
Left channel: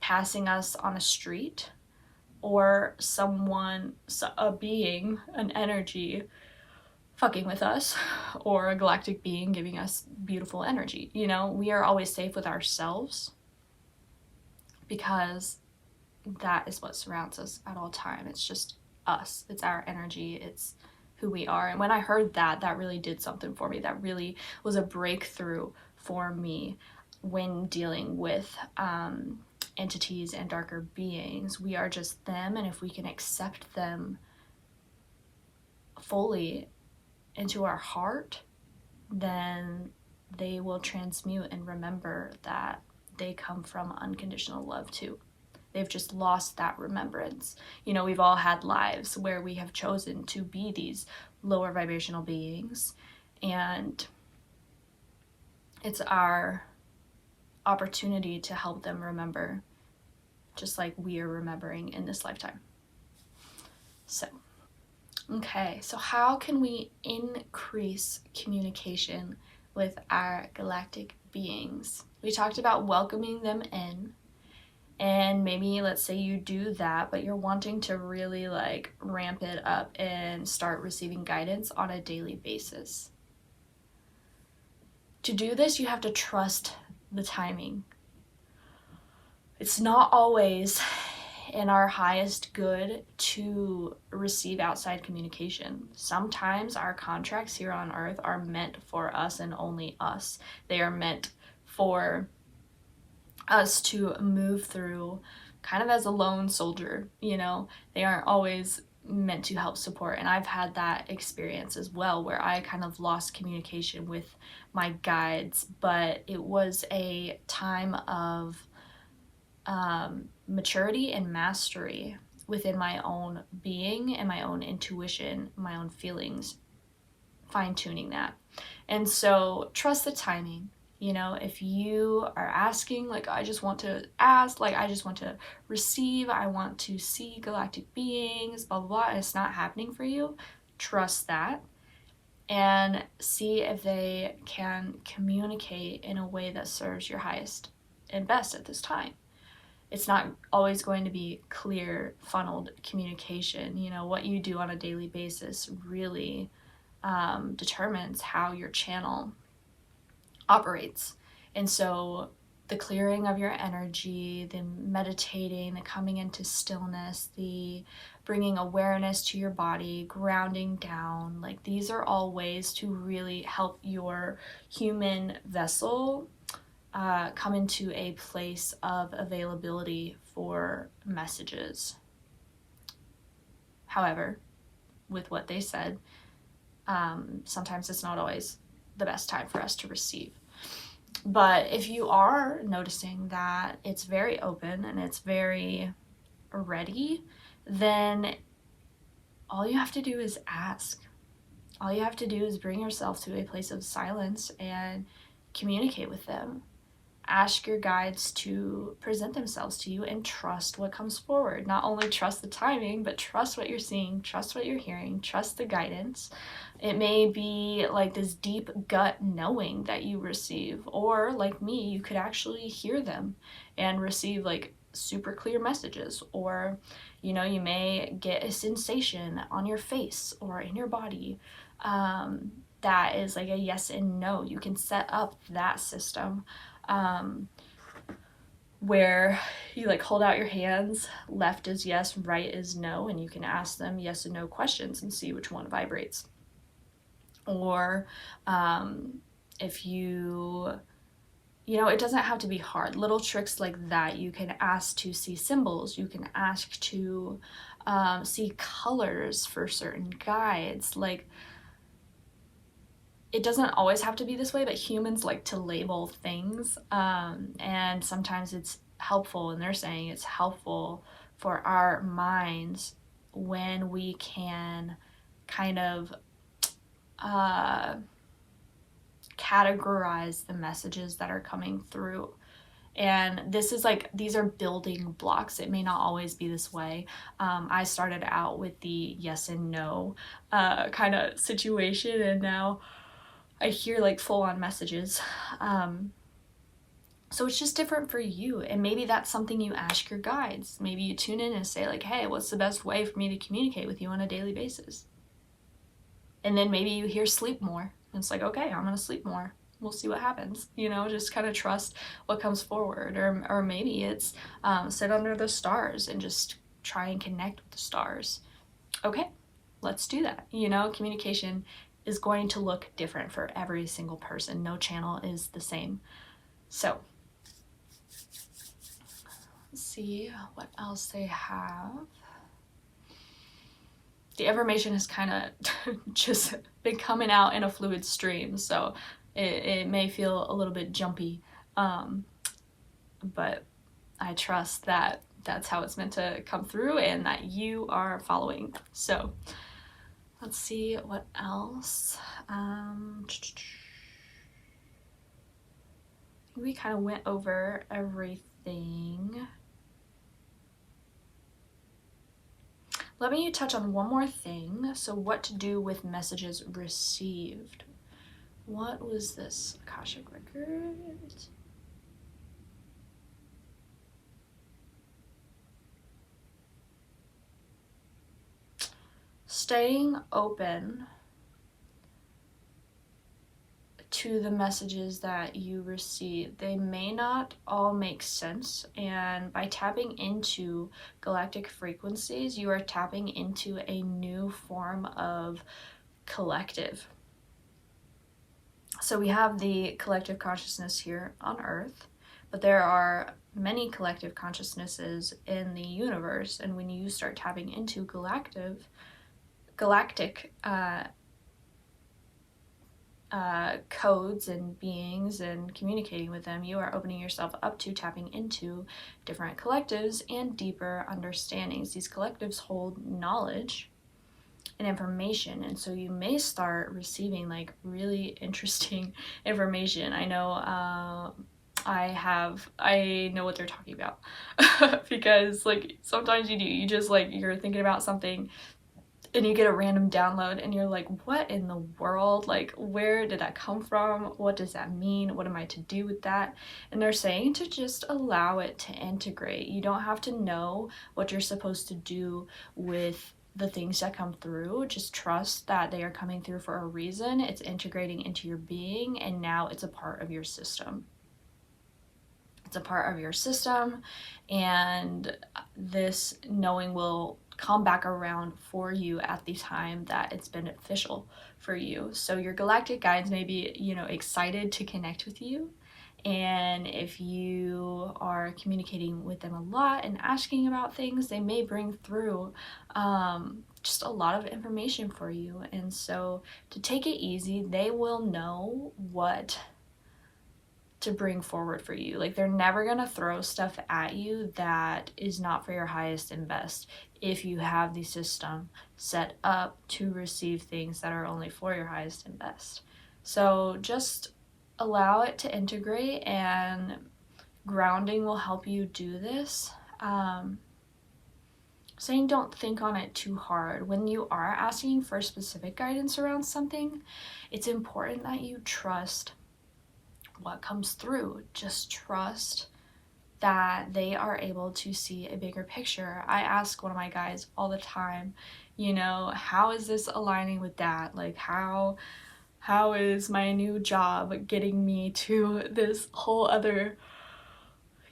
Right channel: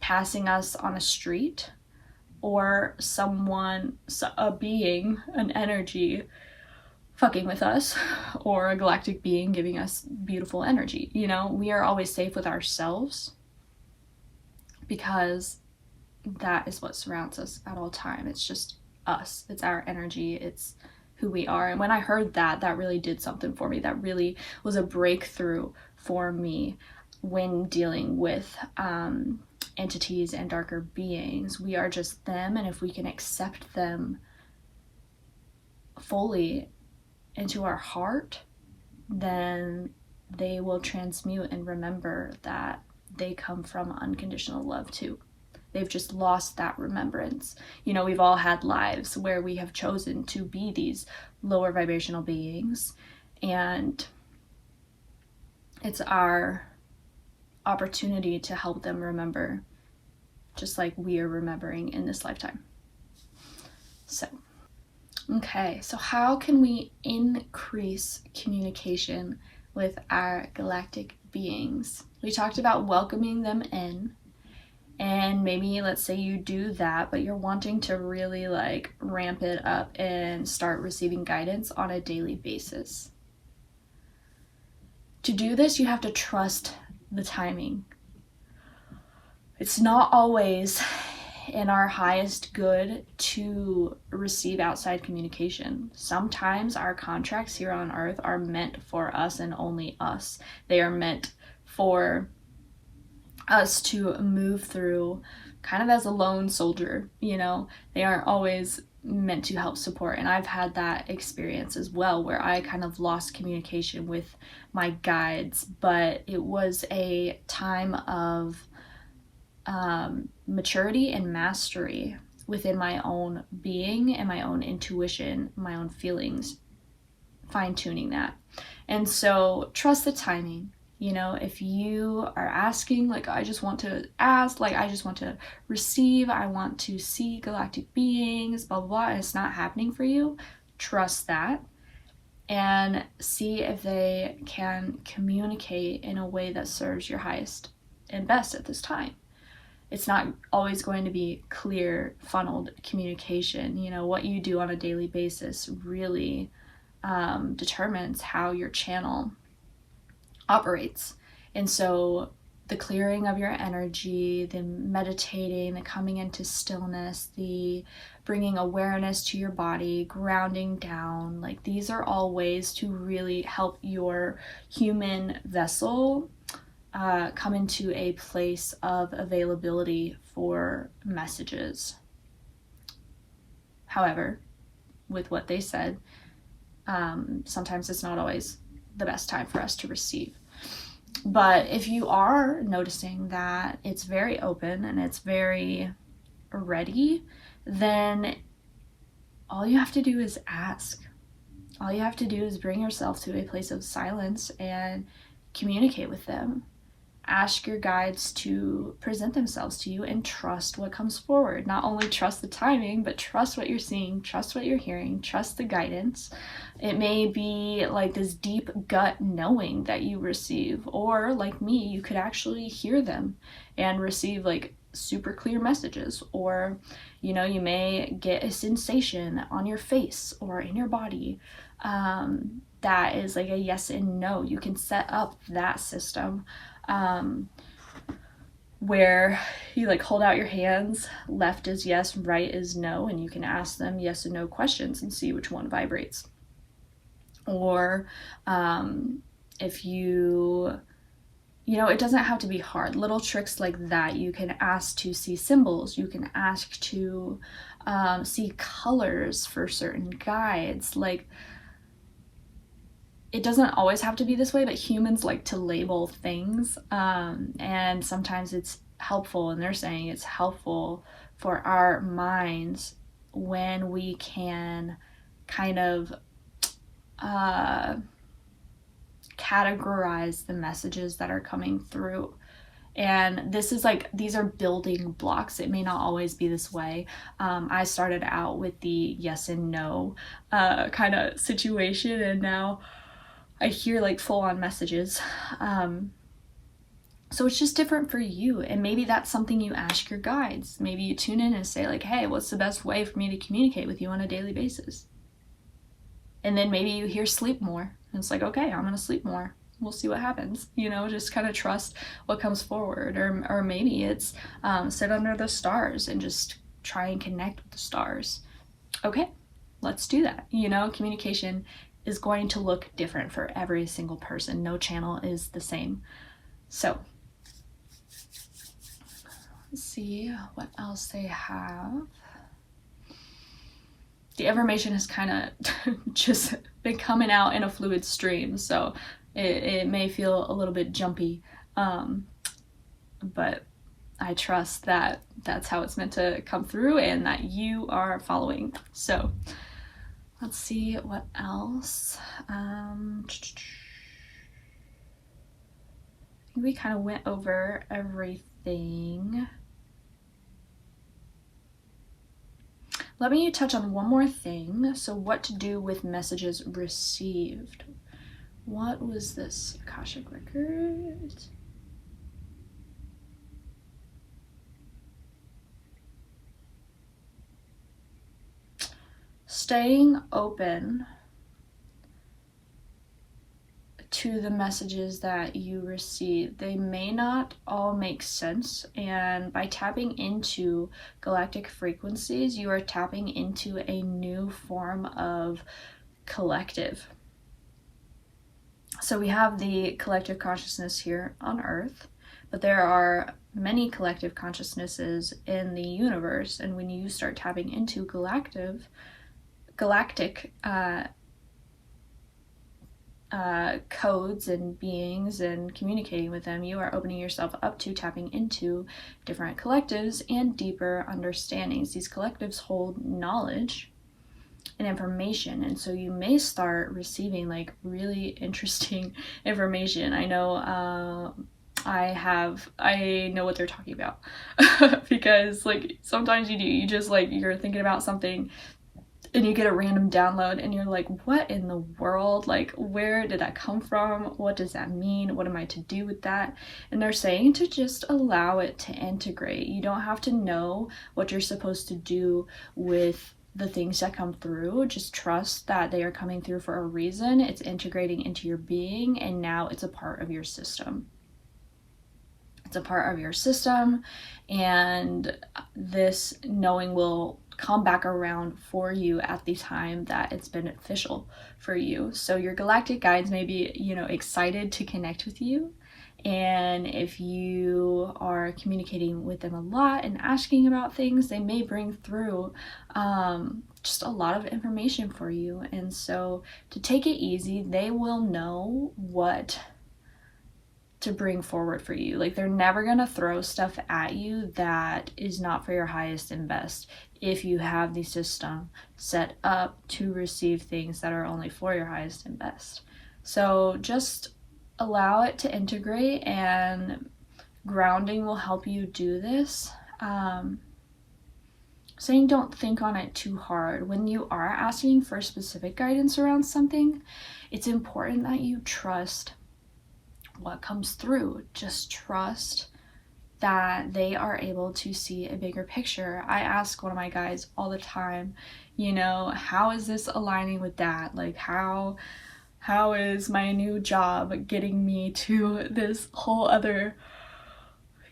passing us on the street, or someone, a being, an energy fucking with us, or a galactic being giving us beautiful energy. You know, we are always safe with ourselves, because that is what surrounds us at all time. It's just us. It's our energy. It's who we are. And when I heard that, that really did something for me. That really was a breakthrough for me when dealing with entities and darker beings. We are just them, and if we can accept them fully into our heart, then they will transmute and remember that they come from unconditional love too. They've just lost that remembrance. You know, we've all had lives where we have chosen to be these lower vibrational beings, and it's our opportunity to help them remember, just like we are remembering in this lifetime. So, okay, so how can we increase communication with our galactic beings? We talked about welcoming them in, and maybe let's say you do that, but you're wanting to really like ramp it up and start receiving guidance on a daily basis. To do this, you have to trust the timing. It's not always in our highest good to receive outside communication. Sometimes our contracts here on Earth are meant for us and only us. They are meant for us to move through kind of as a lone soldier, you know. They aren't always meant to help support. And I've had that experience as well, where I kind of lost communication with my guides, but it was a time of maturity and mastery within my own being and my own intuition, my own feelings, fine-tuning that. And so trust the timing. You know, if you are asking, like, I just want to ask, like, I just want to receive, I want to see galactic beings, blah, blah, blah, and it's not happening for you, trust that and see if they can communicate in a way that serves your highest and best at this time. It's not always going to be clear, funneled communication. You know, what you do on a daily basis really determines how your channel operates. And so the clearing of your energy, the meditating, the coming into stillness, the bringing awareness to your body, grounding down, like these are all ways to really help your human vessel come into a place of availability for messages. However, with what they said, sometimes it's not always the best time for us to receive. But if you are noticing that it's very open and it's very ready, then all you have to do is ask. All you have to do is bring yourself to a place of silence and communicate with them. ask your guides to present themselves to you and trust what comes forward. Not only trust the timing, but trust what you're seeing, trust what you're hearing, trust the guidance. It may be like this deep gut knowing that you receive, or like me, you could actually hear them and receive like super clear messages, or you know, you may get a sensation on your face or in your body that is like a yes and no. You can set up that system where you like hold out your hands, left is yes, right is no, and you can ask them yes and no questions and see which one vibrates. Or if you know, it doesn't have to be hard. Little tricks like that. You can ask to see symbols. You can ask to see colors for certain guides. Like, it doesn't always have to be this way, but humans like to label things. And sometimes it's helpful, and they're saying it's helpful for our minds when we can kind of categorize the messages that are coming through. And this is like, these are building blocks. It may not always be this way. I started out with the yes and no kind of situation, and now I hear like full-on messages. So it's just different for you, and maybe that's something you ask your guides. Maybe you tune in and say like, hey, what's the best way for me to communicate with you on a daily basis? And then maybe you hear sleep more, and it's like, okay, I'm gonna sleep more. We'll see what happens, you know, just kind of trust what comes forward. Or maybe it's sit under the stars and just try and connect with the stars. Okay, let's do that. You know, communication is going to look different for every single person. No channel is the same. So let's see what else they have. The information has kind of just been coming out in a fluid stream, so it may feel a little bit jumpy, but I trust that that's how it's meant to come through and that you are following. So let's see what else. I think we kind of went over everything. Let me touch on one more thing. So what to do with messages received. What was this? Akashic Records? Staying open to the messages that you receive. They may not all make sense, and by tapping into galactic frequencies, you are tapping into a new form of collective. So we have the collective consciousness here on Earth, but there are many collective consciousnesses in the universe, and when you start tapping into galactic codes and beings and communicating with them, you are opening yourself up to tapping into different collectives and deeper understandings. These collectives hold knowledge and information, and so you may start receiving like really interesting information. I know I know what they're talking about because like sometimes you just like, you're thinking about something and you get a random download and you're like, what in the world? Like, where did that come from? What does that mean? What am I to do with that? And they're saying to just allow it to integrate. You don't have to know what you're supposed to do with the things that come through. Just trust that they are coming through for a reason. It's integrating into your being, and now it's a part of your system. It's a part of your system, and this knowing will come back around for you at the time that it's beneficial for you. So your galactic guides may be, you know, excited to connect with you, and if you are communicating with them a lot and asking about things, they may bring through just a lot of information for you. And so to take it easy, they will know what to bring forward for you. Like, they're never gonna throw stuff at you that is not for your highest and best if you have the system set up to receive things that are only for your highest and best. So just allow it to integrate and Grounding will help you do this. Saying don't think on it too hard. When you are asking for specific guidance around something, it's important that you trust what comes through. Just trust that they are able to see a bigger picture. I ask one of my guides all the time, how is this aligning with that? Like, how is my new job getting me to this whole other,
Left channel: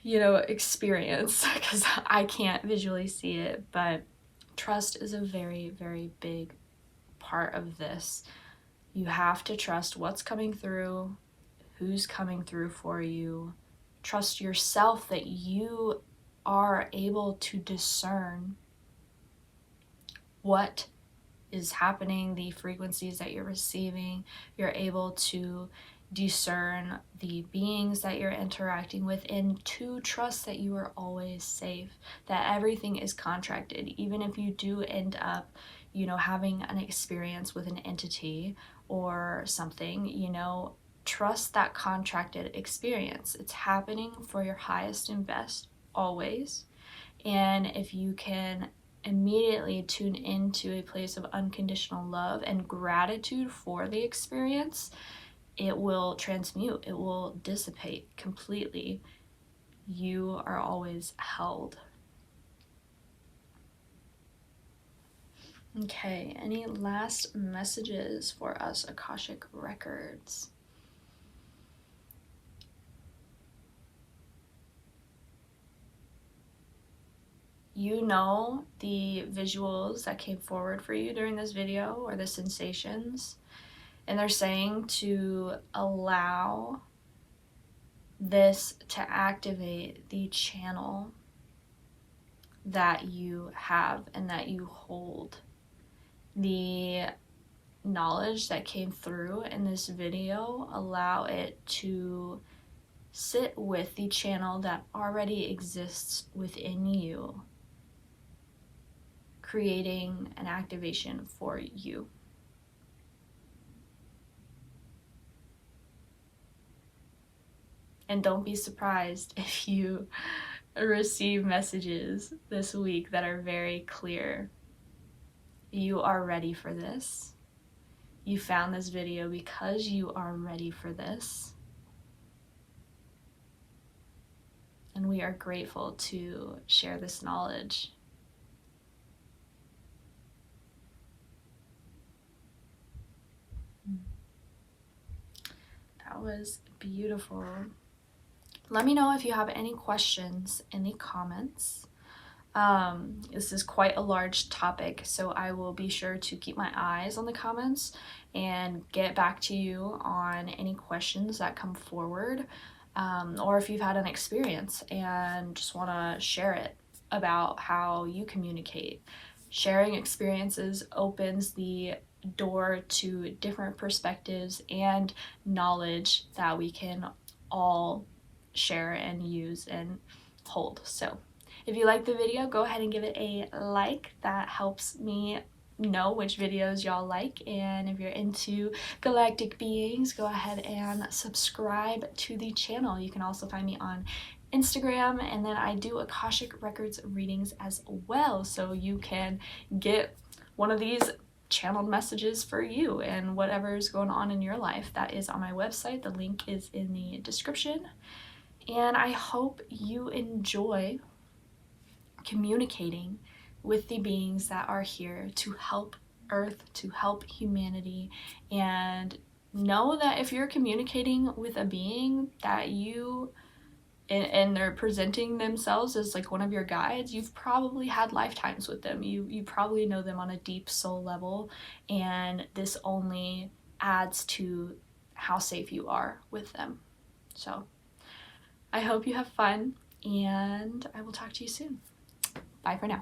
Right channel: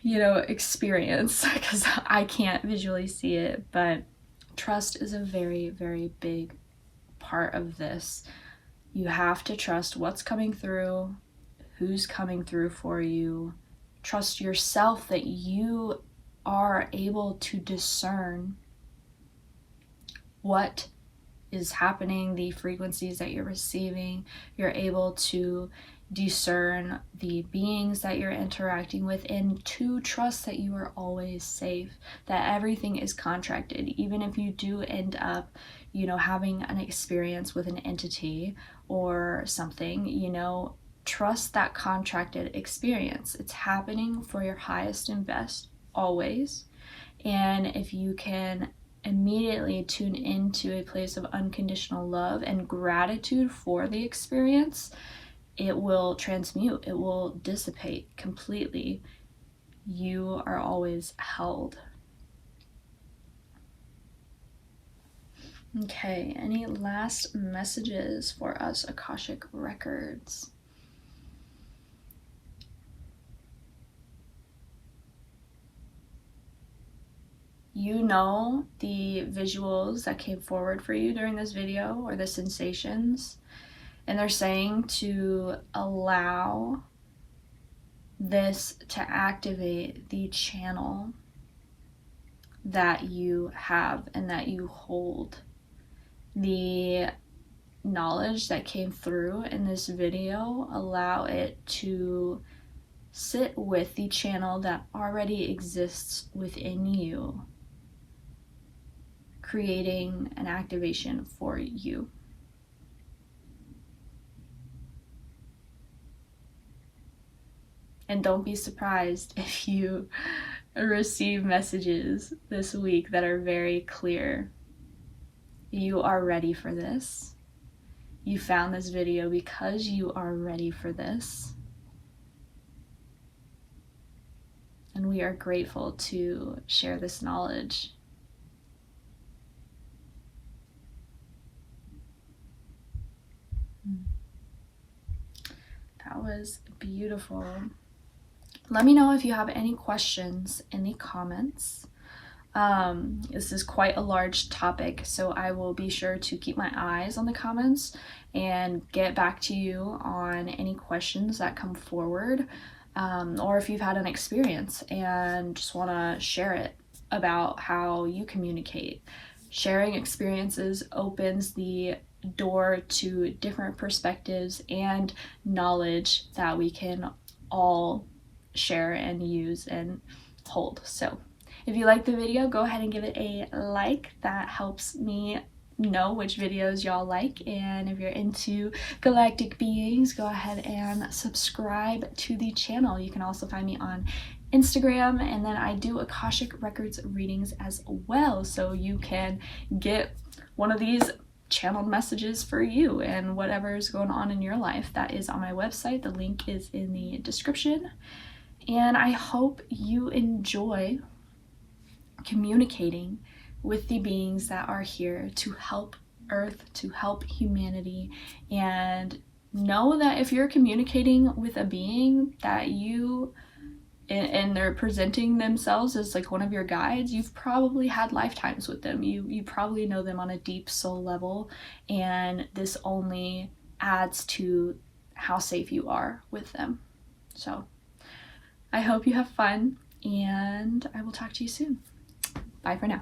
experience? Because I can't visually see it, but trust is a very, very big part of this. You have to trust what's coming through, who's coming through for you. Trust yourself that you are able to discern what is happening, the frequencies that you're receiving. You're able to discern the beings that you're interacting with, and to trust that you are always safe, that everything is contracted. Even if you do end up, having an experience with an entity or something, trust that contracted experience. It's happening for your highest and best always. And if you can immediately tune into a place of unconditional love and gratitude for the experience, it will transmute, it will dissipate completely. You are always held. Okay, any last messages for us, Akashic Records? The visuals that came forward for you during this video, or the sensations, and they're saying to allow this to activate the channel that you have and that you hold. The knowledge that came through in this video, allow it to sit with the channel that already exists within you, creating an activation for you. And don't be surprised if you receive messages this week that are very clear. You are ready for this. You found this video because you are ready for this. And we are grateful to share this knowledge. That was beautiful. Let me know if you have any questions in the comments. This is quite a large topic, so I will be sure to keep my eyes on the comments and get back to you on any questions that come forward, or if you've had an experience and just want to share it about how you communicate. Sharing experiences opens the door to different perspectives and knowledge that we can all share and use and hold. So if you like the video, go ahead and give it a like. That helps me know which videos y'all like. And if you're into galactic beings, go ahead and subscribe to the channel. You can also find me on Instagram, and then I do Akashic Records readings as well, so you can get one of these channeled messages for you and whatever's going on in your life. That is on my website. The link is in the description. And I hope you enjoy communicating with the beings that are here to help Earth, to help humanity, and know that if you're communicating with a being that and they're presenting themselves as like one of your guides, you've probably had lifetimes with them. You probably know them on a deep soul level, and this only adds to how safe you are with them. So I hope you have fun, and I will talk to you soon. Bye for now.